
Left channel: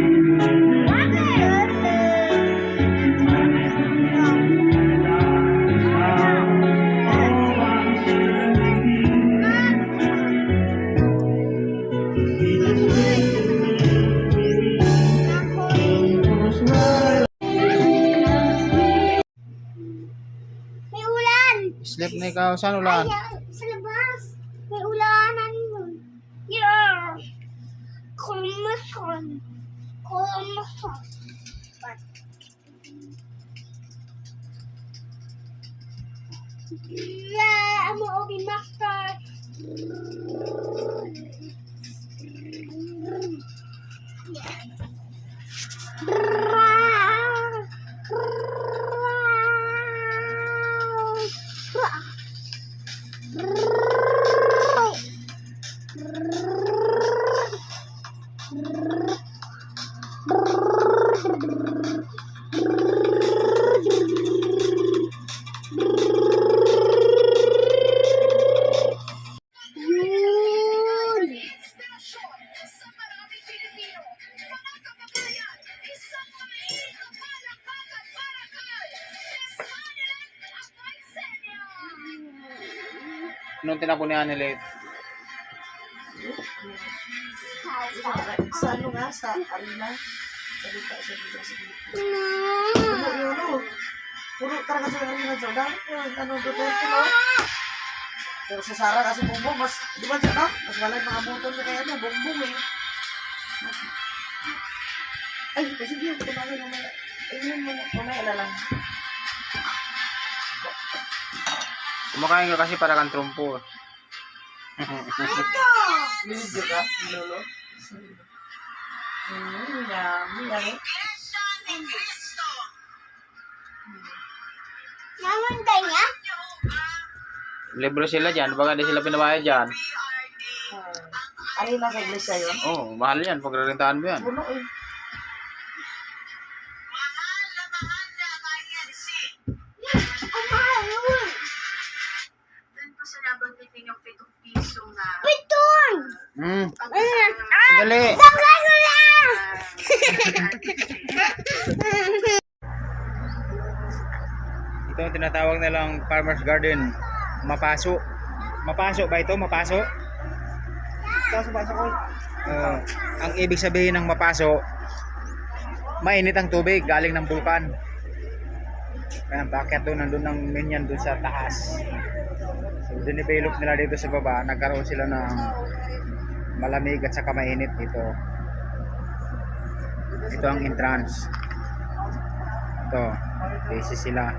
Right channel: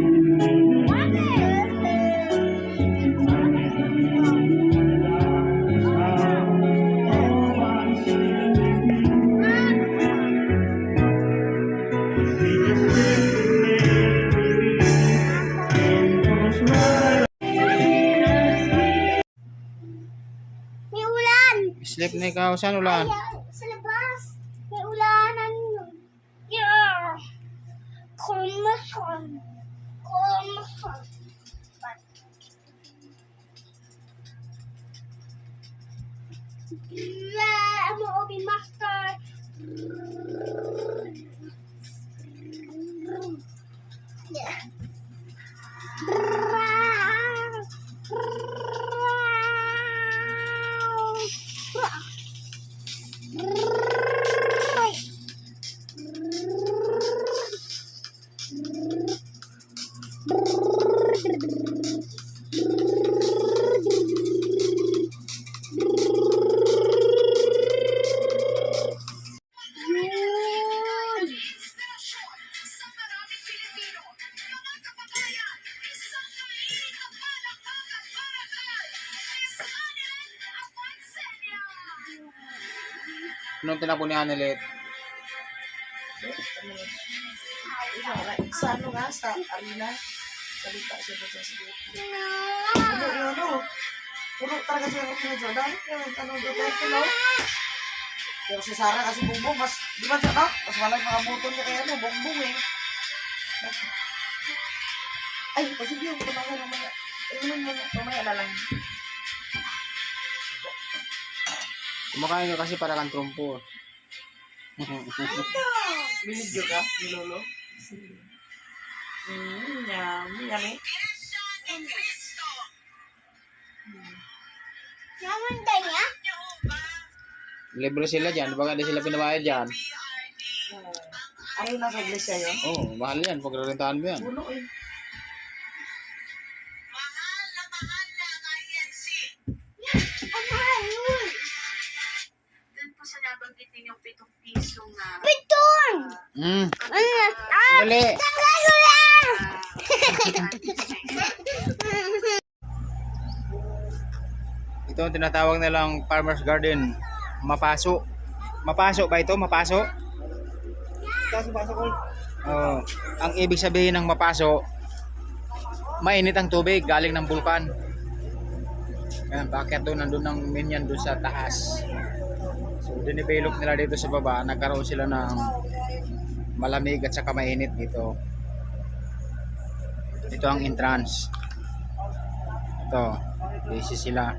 May ulan! Sleep na ikaw. Saan ulan? Sa labas! May ulanan yun! Yeah! Kumason! Kumason! Yeah! I'm an Obi Master! Yeah! Anong tinapon ni Anelit? Sa ano nga, sa arena. Salita siya doon sa sige. No! Ano yun, no? Puro talaga siya ng mga Jordan. Ano, Duterte, no? Pero si Sarah kasi bumbong, mas, di ba, no? Mas malay mga motor na kaya, no? Bumbong, eh. Ay, sige, yung kumain mamaya. Ayun mo, mamaya na lang. Kumakain ka kasi para kang trumpo. Video ka, Lolo? Yummy, yummy. Mamantay niya? Libre sila dyan. Baka di sila pinabayad dyan. Arena sa iglesia yun? Oo, oh, mahal yan. Pagrarentahan mo yan. Puno, eh. Ang mahal yun! Doon po sa nabanggitin yung 7 piso na Piton! Hmm. Ano yan? Ah! Dali. Tanggal na yan! Ito ang tinatawag nilang farmer's garden. Mapaso. Mapaso ba ito? Mapaso? Pasok ko. Oo. Ang ibig sabihin ng mapaso, mainit ang tubig galing ng bulkan. Kaya bakit doon nandun ng minyan doon sa taas. So dinivelop nila dito sa baba, nagkaroon sila ng malamig at saka mainit dito. Ito ang entrance. Ito, busy sila.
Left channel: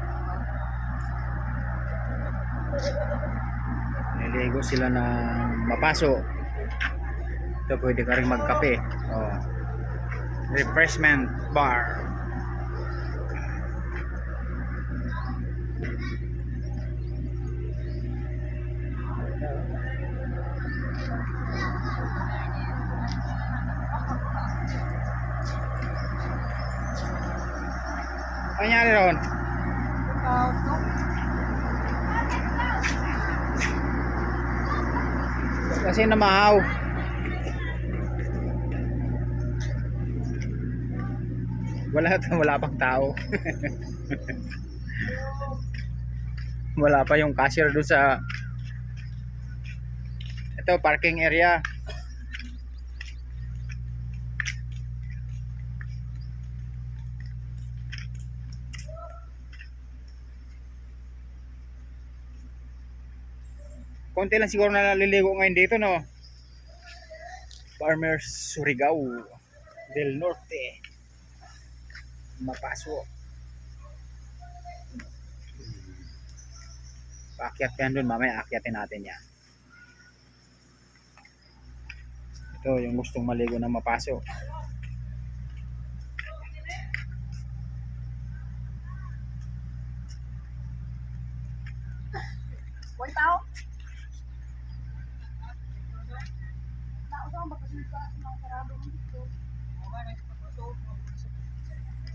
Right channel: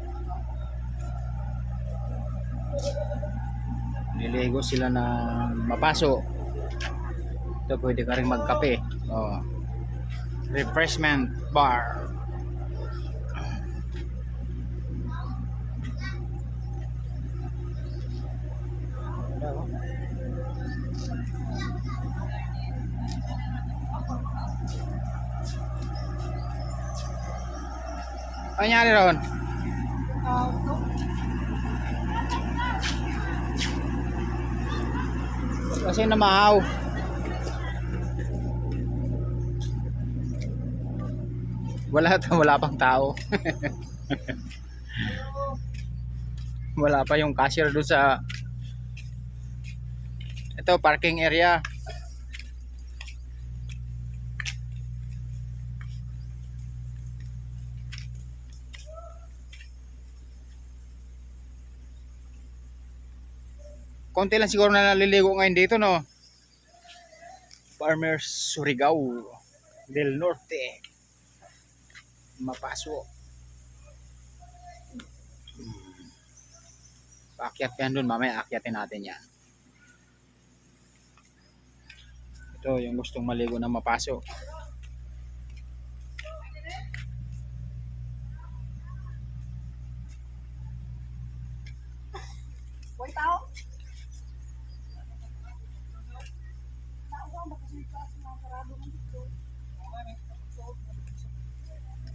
Niligo sila ng mapaso. Ito pwede ka rin magkape. Oh. Refreshment bar. Ano nangyari ron? Kasi namahaw. Wala pang tao. Wala pa yung cashier doon sa ito parking area. Konti lang siguro na naliligo ngayon dito, no? Farmers Surigao del Norte. Mapaso. Paakyat yan dun, mamaya akyatin natin yan. Ito yung gustong maligo na mapaso. Boy tao?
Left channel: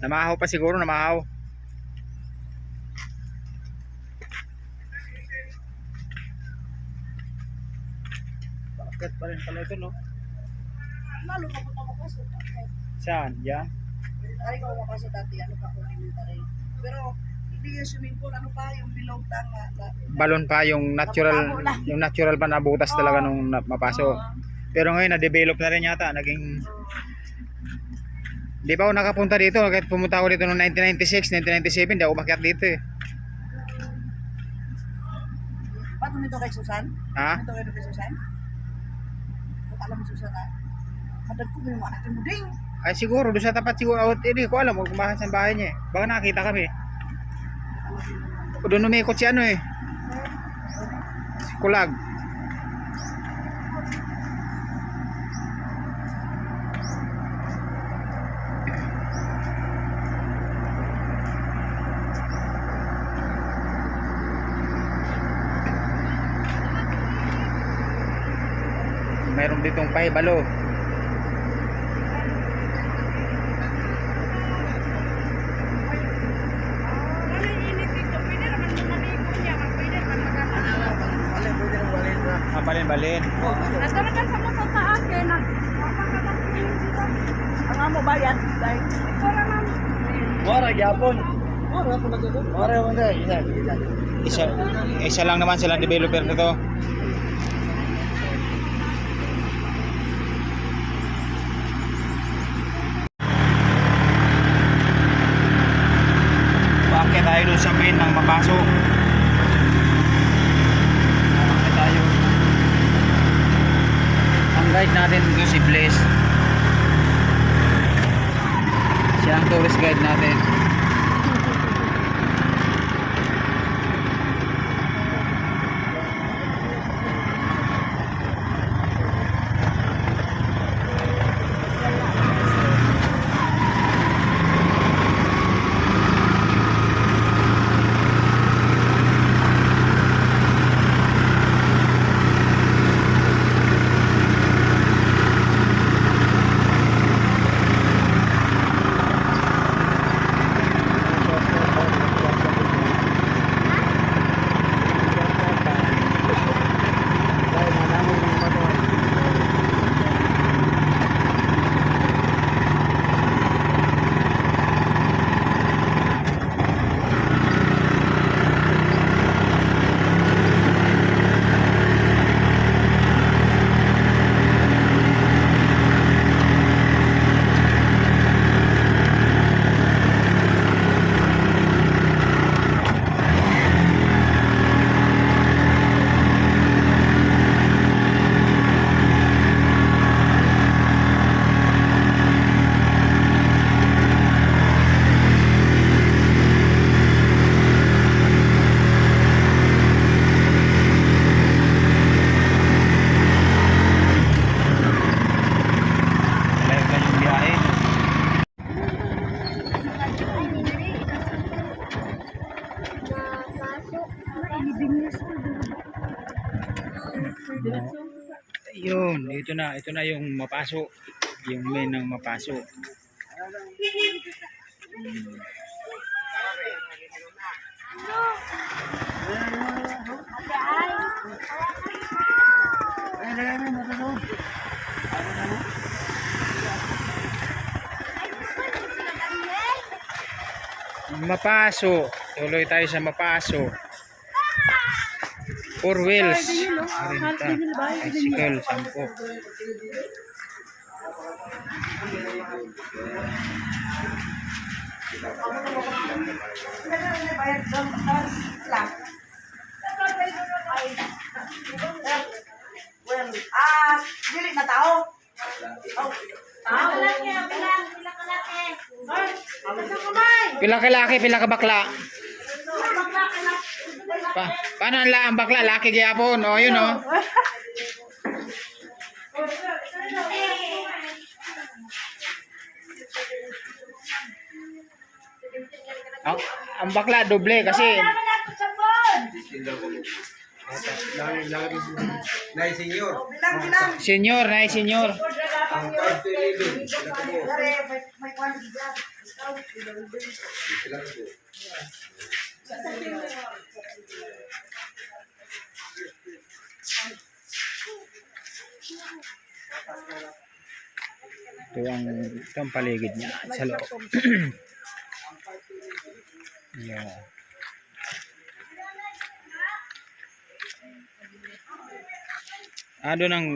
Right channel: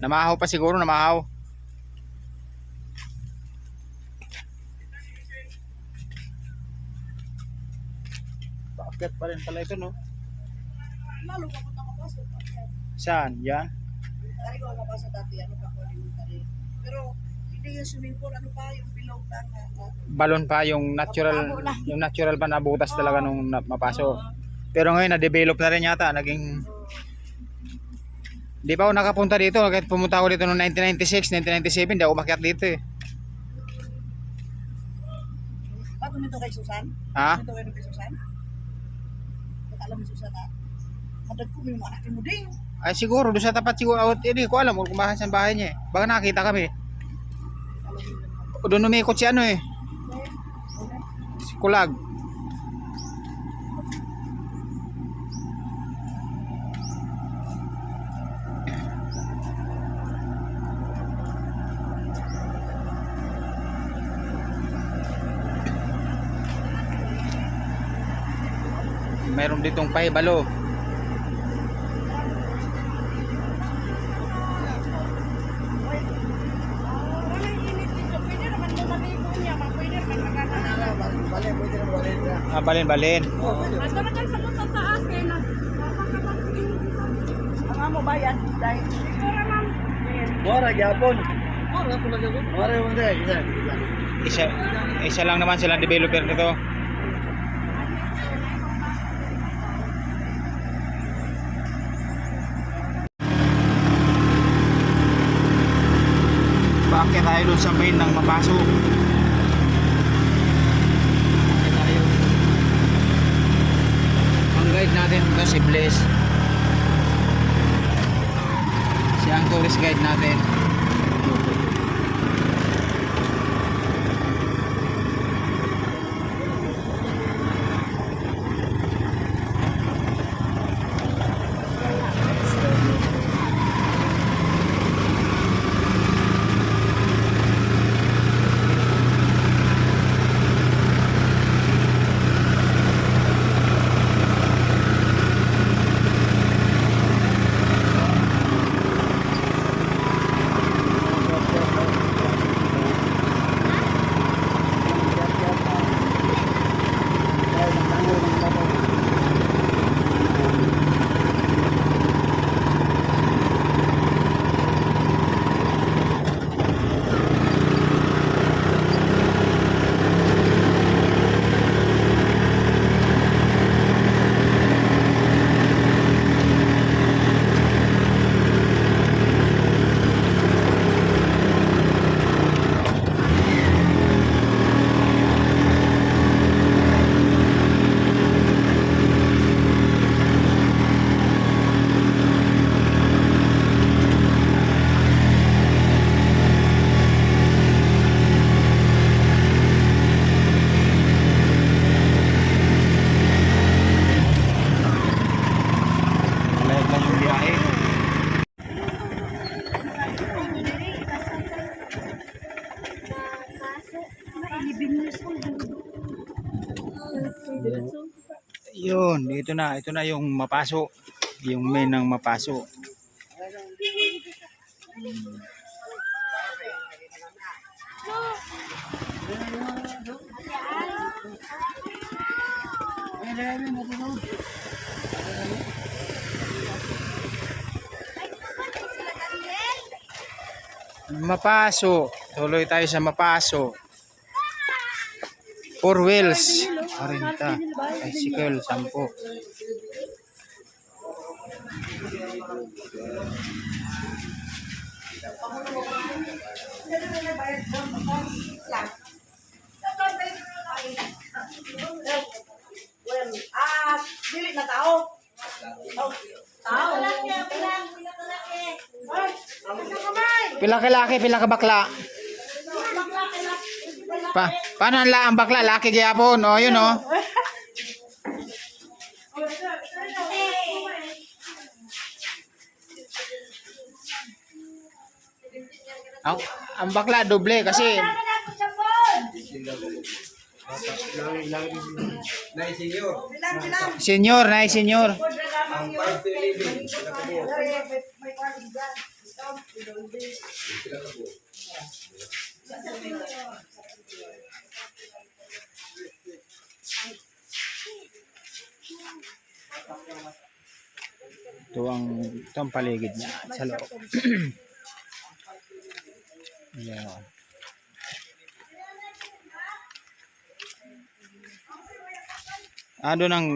Namahaw pa siguro, namahaw. Bakit pa rin pala ito, no? Lalo pa po ako pasok. Saan? Yan? Tari ko mapasok dati, ano pa ko elementary. Pero hindi yung swimming pool, ano pa, yung bilog lang Balon pa yung natural pa na butas talaga nung mapaso. Pero ngayon na-develop na rin yata, naging di ba ako nakapunta dito, kahit pumunta ako dito noong 1996, 1997, di ako makiat dito eh. Ba't nito kay Susan? Ha? Nito kay Susan? Ba't alam mo Susan ha? Hadag ko may mga anak mo ding. Ay siguro, doon sa tapat siguro, hindi ko alam kung bakit saan bahay niya eh. Baka nakakita kami. Doon umikot si ano eh. Si Kulag. Mayroon ditong pahibalo. Balin-balin. Ang amo bayan, dahil Isa lang naman silang developer nito. Bakit tayo doon sa main ng mapaso? Bakit tayo? Ang guide natin ito si Blaze. Siya ang tourist guide natin. Yun, ito na yung mapaso. Yung main ng mapaso. Mapaso. Tuloy tayo sa mapaso. 4 wheels. 40. Bicycle, 10. dili na tao. Pila ka laki, pila ka bakla. Paano ang bakla? Laki gyapon. Oh, yun oh. Ang bakla doble kasi Nay, senyor. senior, na senior. Ang 5 to 11. May quality dyan. Discount. Ito ang paligid niya sa loob. Yeah. Doon ang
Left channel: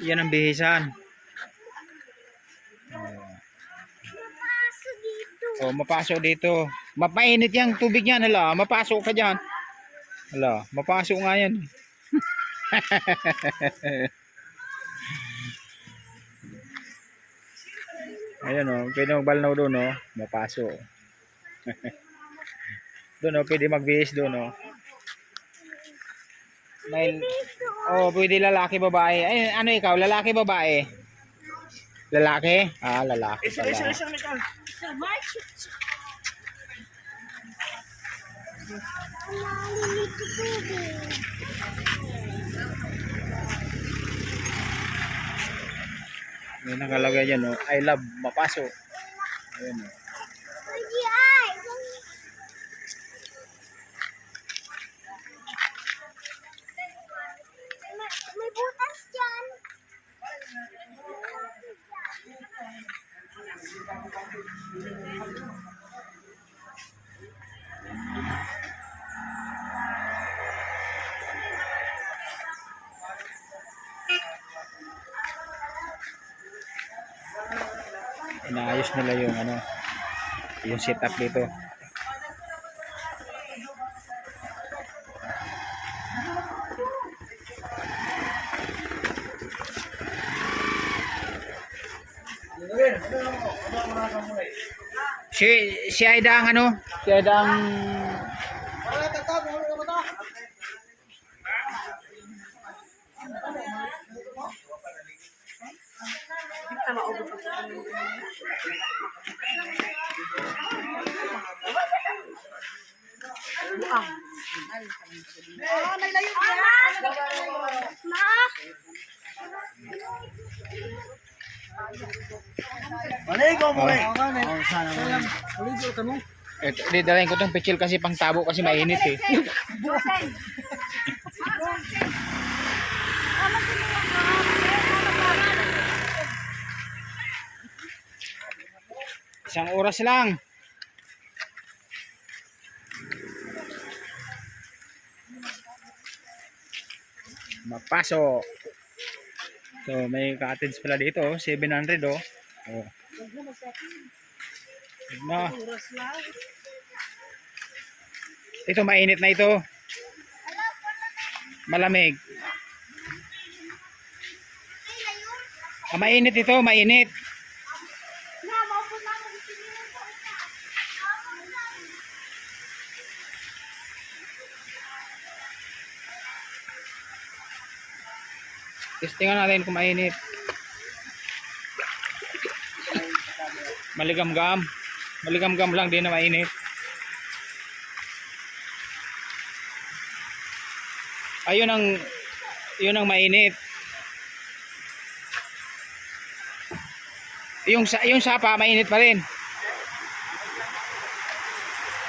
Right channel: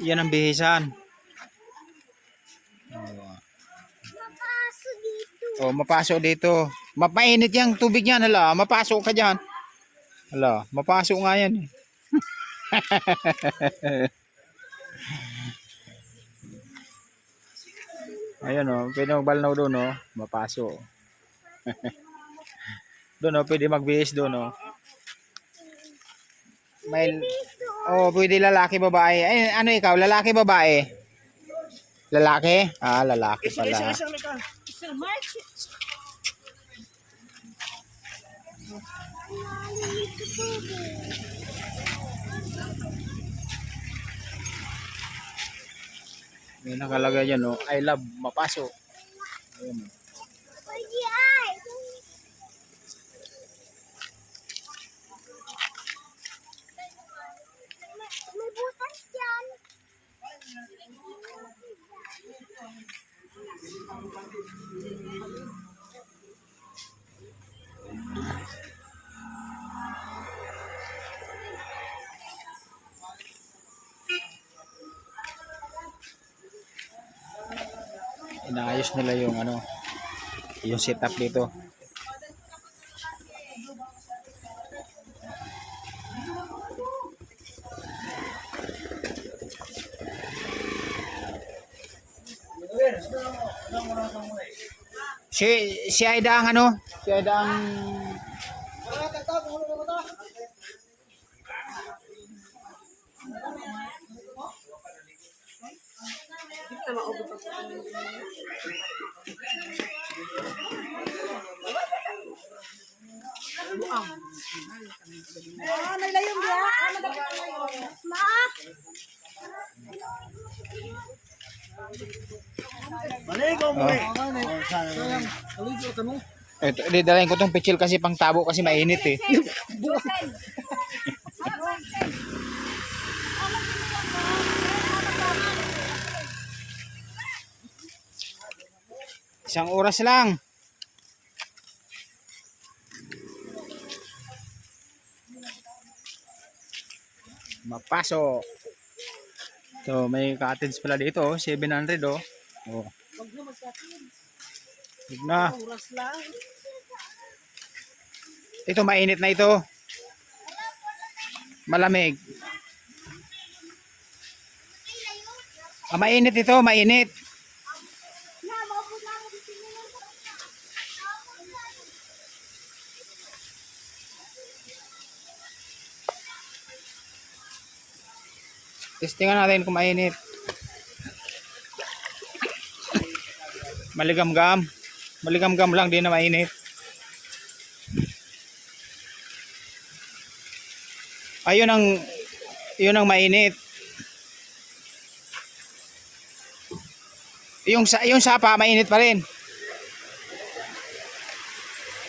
yan ang bihisan. Oh, mapasok dito. Mapainit yang tubig yan, hala. Mapasok ka diyan. Hala, mapasok nga yan. Ayan oh, pwede magbalnaw doon oh, mapasok. Doon oh, pwede magbihis doon oh. May pwede lalaki babae. Ay, ano ikaw? Lalaki babae? Lalaki? Lalaki pala. May nakalagay dyan oh, I love mapasok. Ayan oh. May butas dyan. Inaayos nila yung ano, yung setup dito. Si Aida ang ano? Si Aida ang Nailayon niya. didalahin ko tong pichil kasi pang tabo kasi mainit eh. Isang oras lang. Mapasok. So may cottage pala dito, oh, 700 oh. Oh. Huwag na. Ito mainit na ito. Malamig. Mainit ito, mainit. Testingan natin kung mainit. Maligam-gam. Maligam-gam lang din na mainit. Ayun ang mainit. Yung sapa mainit pa rin.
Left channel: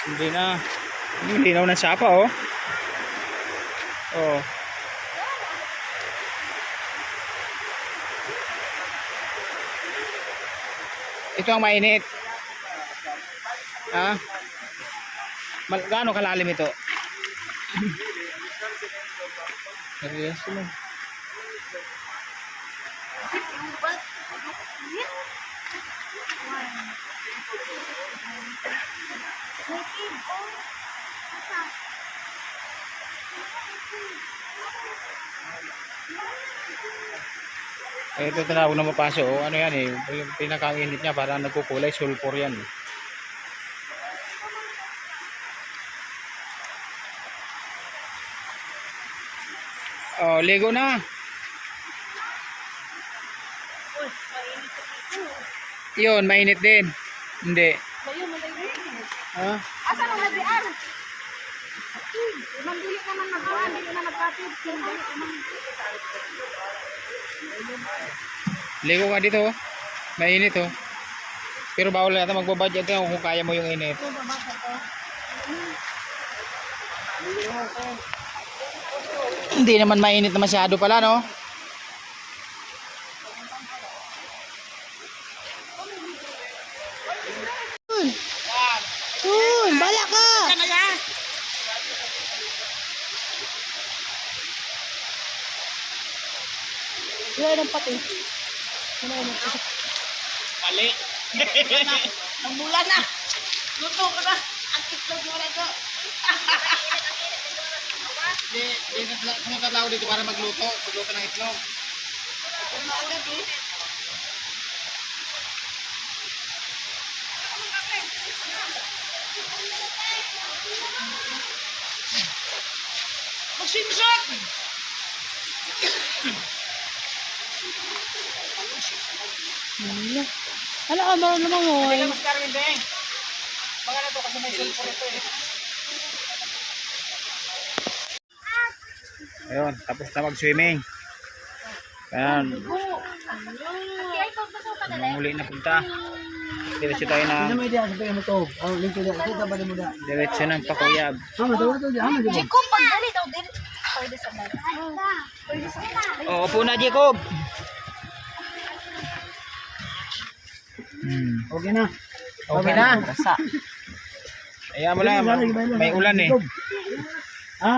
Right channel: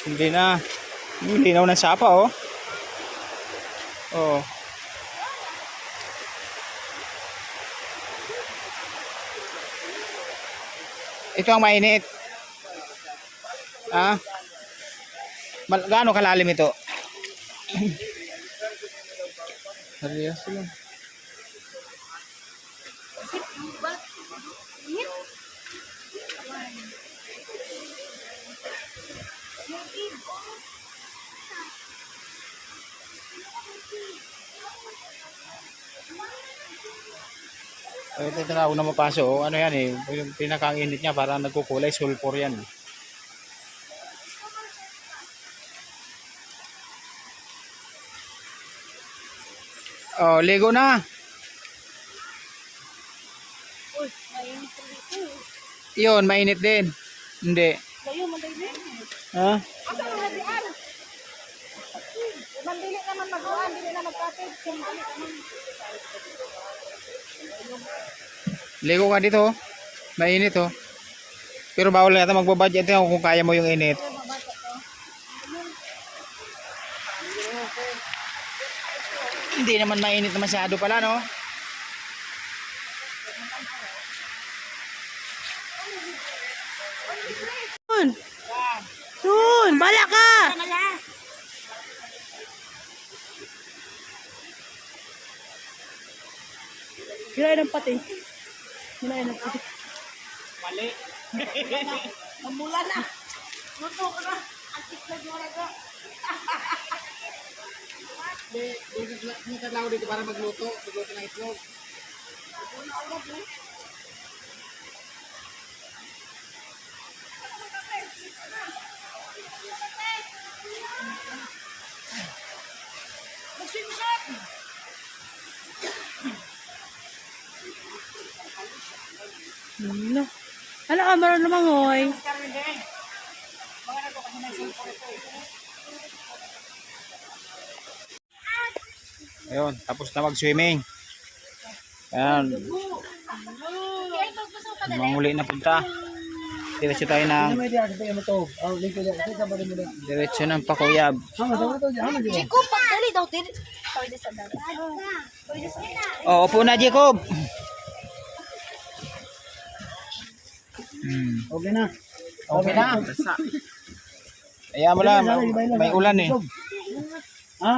Hindi na. Hindi na ng sapa oh. Oh. Ito ang mainit. Gaano kalalim ito? Seryoso lang. Ito tinawag na mapaso. Ano yan eh. Yung pinakainit niya para nagkukulay. Sulfur yan. Oh, ligo na. Yun, mainit din. Hindi. Ha? Asa na nagdian? Mandili naman magbuan, dili na magkatid. Ligo ka dito. Mainit oh. Pero bawal yata magbabudget yan kung kaya mo yung init. Hindi naman mainit na masyado pala, no? Tun, bala ka! Yun ang pati. Yun ang pati. Mali. Ang mula na. Luto ka na. Ang itlog mo na ito. Kung tatlaw dito para magluto ng itlog. Ano agad eh. Magsimsak! Ano ka ba naman mo eh? Ayun, tapos na mag-swimming. Ayan. Manguli na punta. Diretso tayo na. Diretso ng Pakuyab. Chico, pagdali daw din. Pwede sa dagat. Pwede sa dagat. Oh, upo na, Jacob. Okay na. Okay na. Ayan mo lang, may ulan eh. Ha?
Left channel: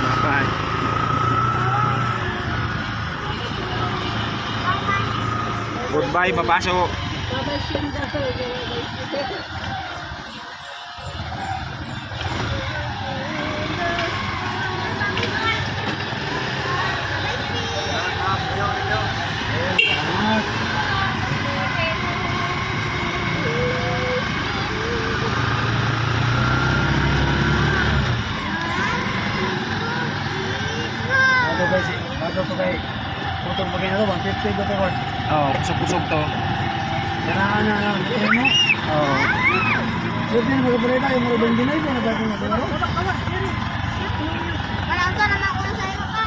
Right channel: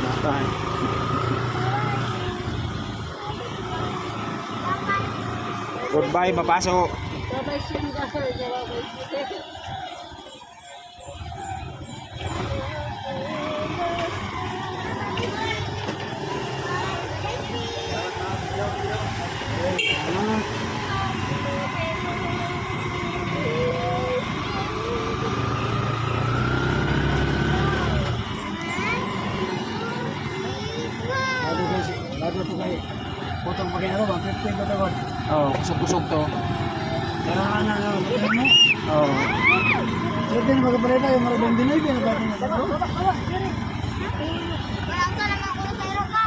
Mapan. Goodbye, papasok. Bago ko kay putong bagay na to, 150 ko to. Oh, kusog-kusog to. Yan na, ito mo. Oh. Siyempre na magpabalita yung mga ibang Pinoy, na dati na tayo. Parang ka naman ko sa iyo ka.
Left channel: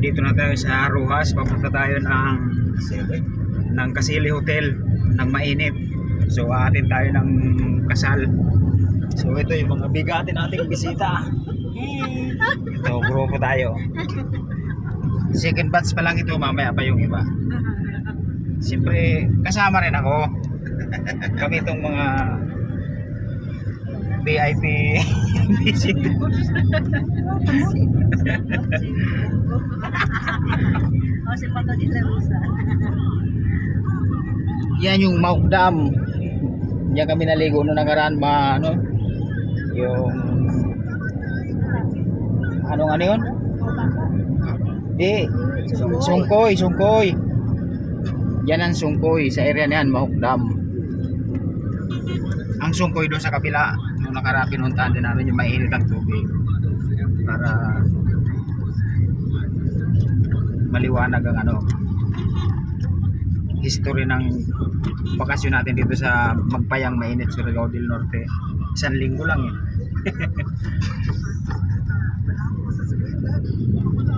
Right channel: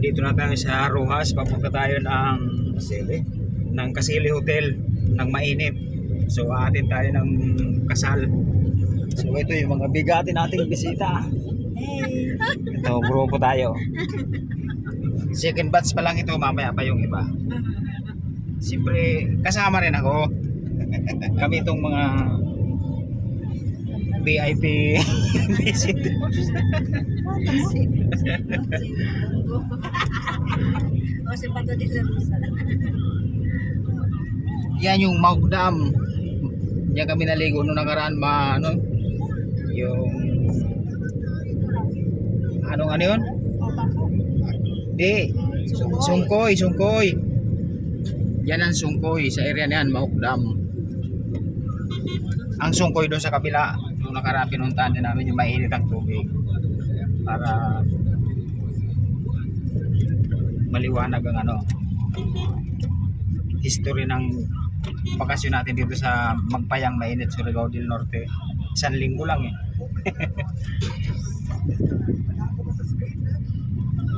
Dito na tayo sa Rojas, papunta tayo ng Kasili Hotel ng mainit. So aatin tayo ng kasal. So ito yung mga bigatin nating bisita. Ito, grupo tayo. Second batch pa lang ito, mamaya pa yung iba. Siyempre kasama rin ako. Kami itong mga VIP bisita. O si Pato di Larusa. Yan yung Mauk Dam. Diyan kami naligo noong nakaraan, yung ano yun? Di, Sungkoy. Yan ang Sungkoy, sa area na yan, Mauk Dam. Ang Sungkoy doon sa kabila, noong nakaraan pinuntahan din namin yung mainit ang tubig para maliwanag ang history ng bakasyon natin dito sa Magpayang Mainit, Surigao del Norte. 1 linggo lang eh.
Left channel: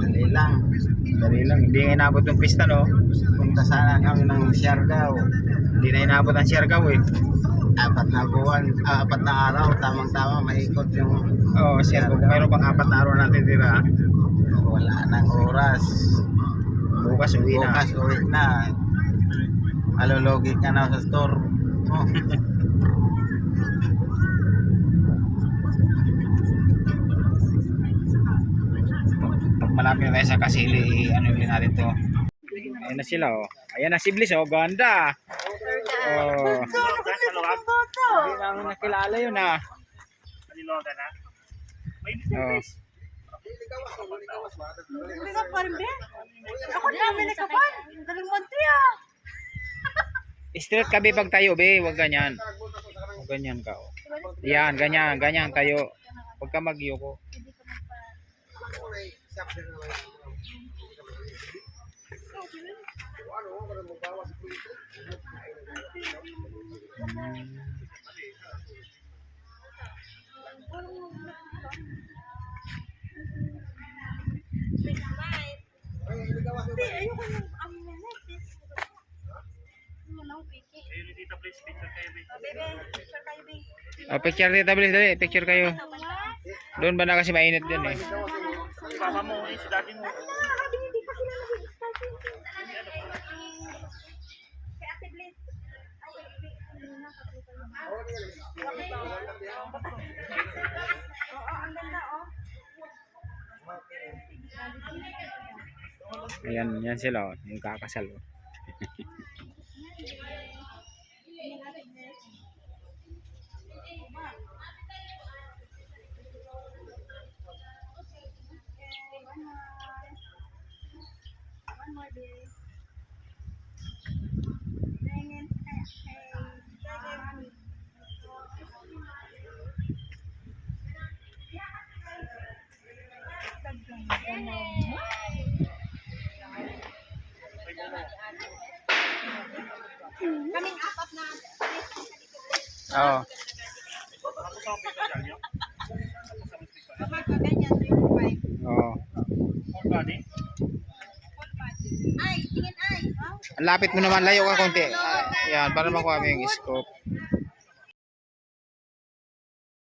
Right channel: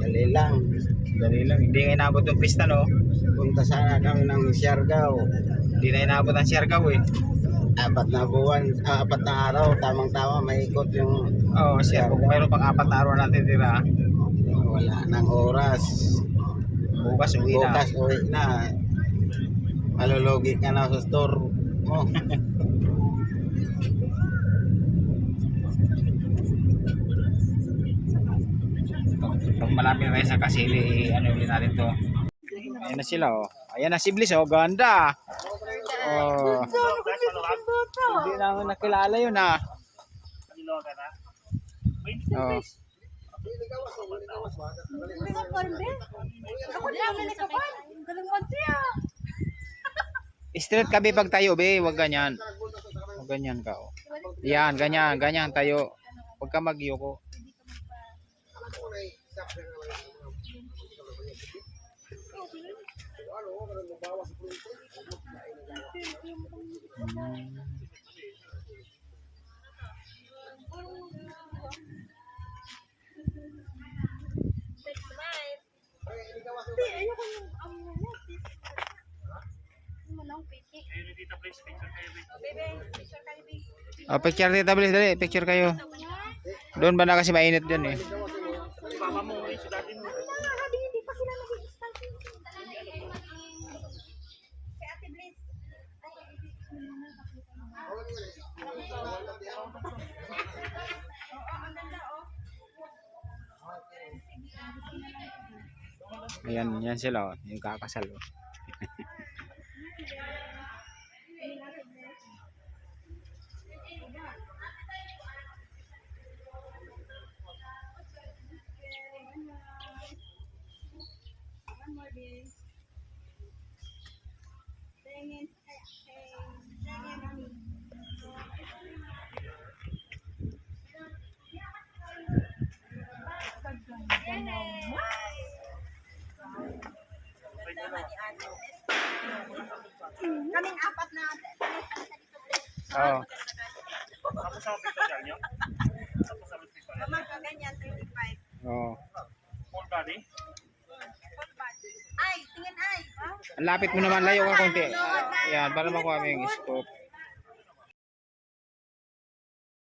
Dali lang. Hindi nga inabot yung pista, no? Punta sana kami ng Siargao. Hindi na inabot ang Siargao eh. 4 na buwan, 4 na araw, tamang-tama maikot yung Oo, Siargao. Mayroon pang 4 na araw natin tira. wala nang oras. Bukas uwi na. Bukas uwi na. Alologi ka na sa store. Oh. Pag malapit na tayo sa Kasili, ulit natin to. Ayan na sila, oh. Ayan na si Bliss, oh. Ganda. Oh. Hindi na nakilala yun, ah. Oh. Hindi ka pa rin, be. Ako din namin ka pa. Galing mo tiya. Straight ka be pag tayo be, wag ganyan. Wag ganyan ka. Oh. Yan, ganyan, ganyan tayo. Huwag ka magyoko. Oh, picture dito, bilis dali, picture kayo. Doon ba na kasi mainit din eh. Mama mo, si daddy mo. Ayan, yan sila, oh. Yung kakasal. Oh. Kaming apat na. Oo. Tapos sa hospital niyo? Tapos sa hospital. Kamang kaganyan, 25. Oo. Full body? Ay, tingin ay. Ang lapit mo naman, layo ka konti. Yan, para makuha mo yung scope.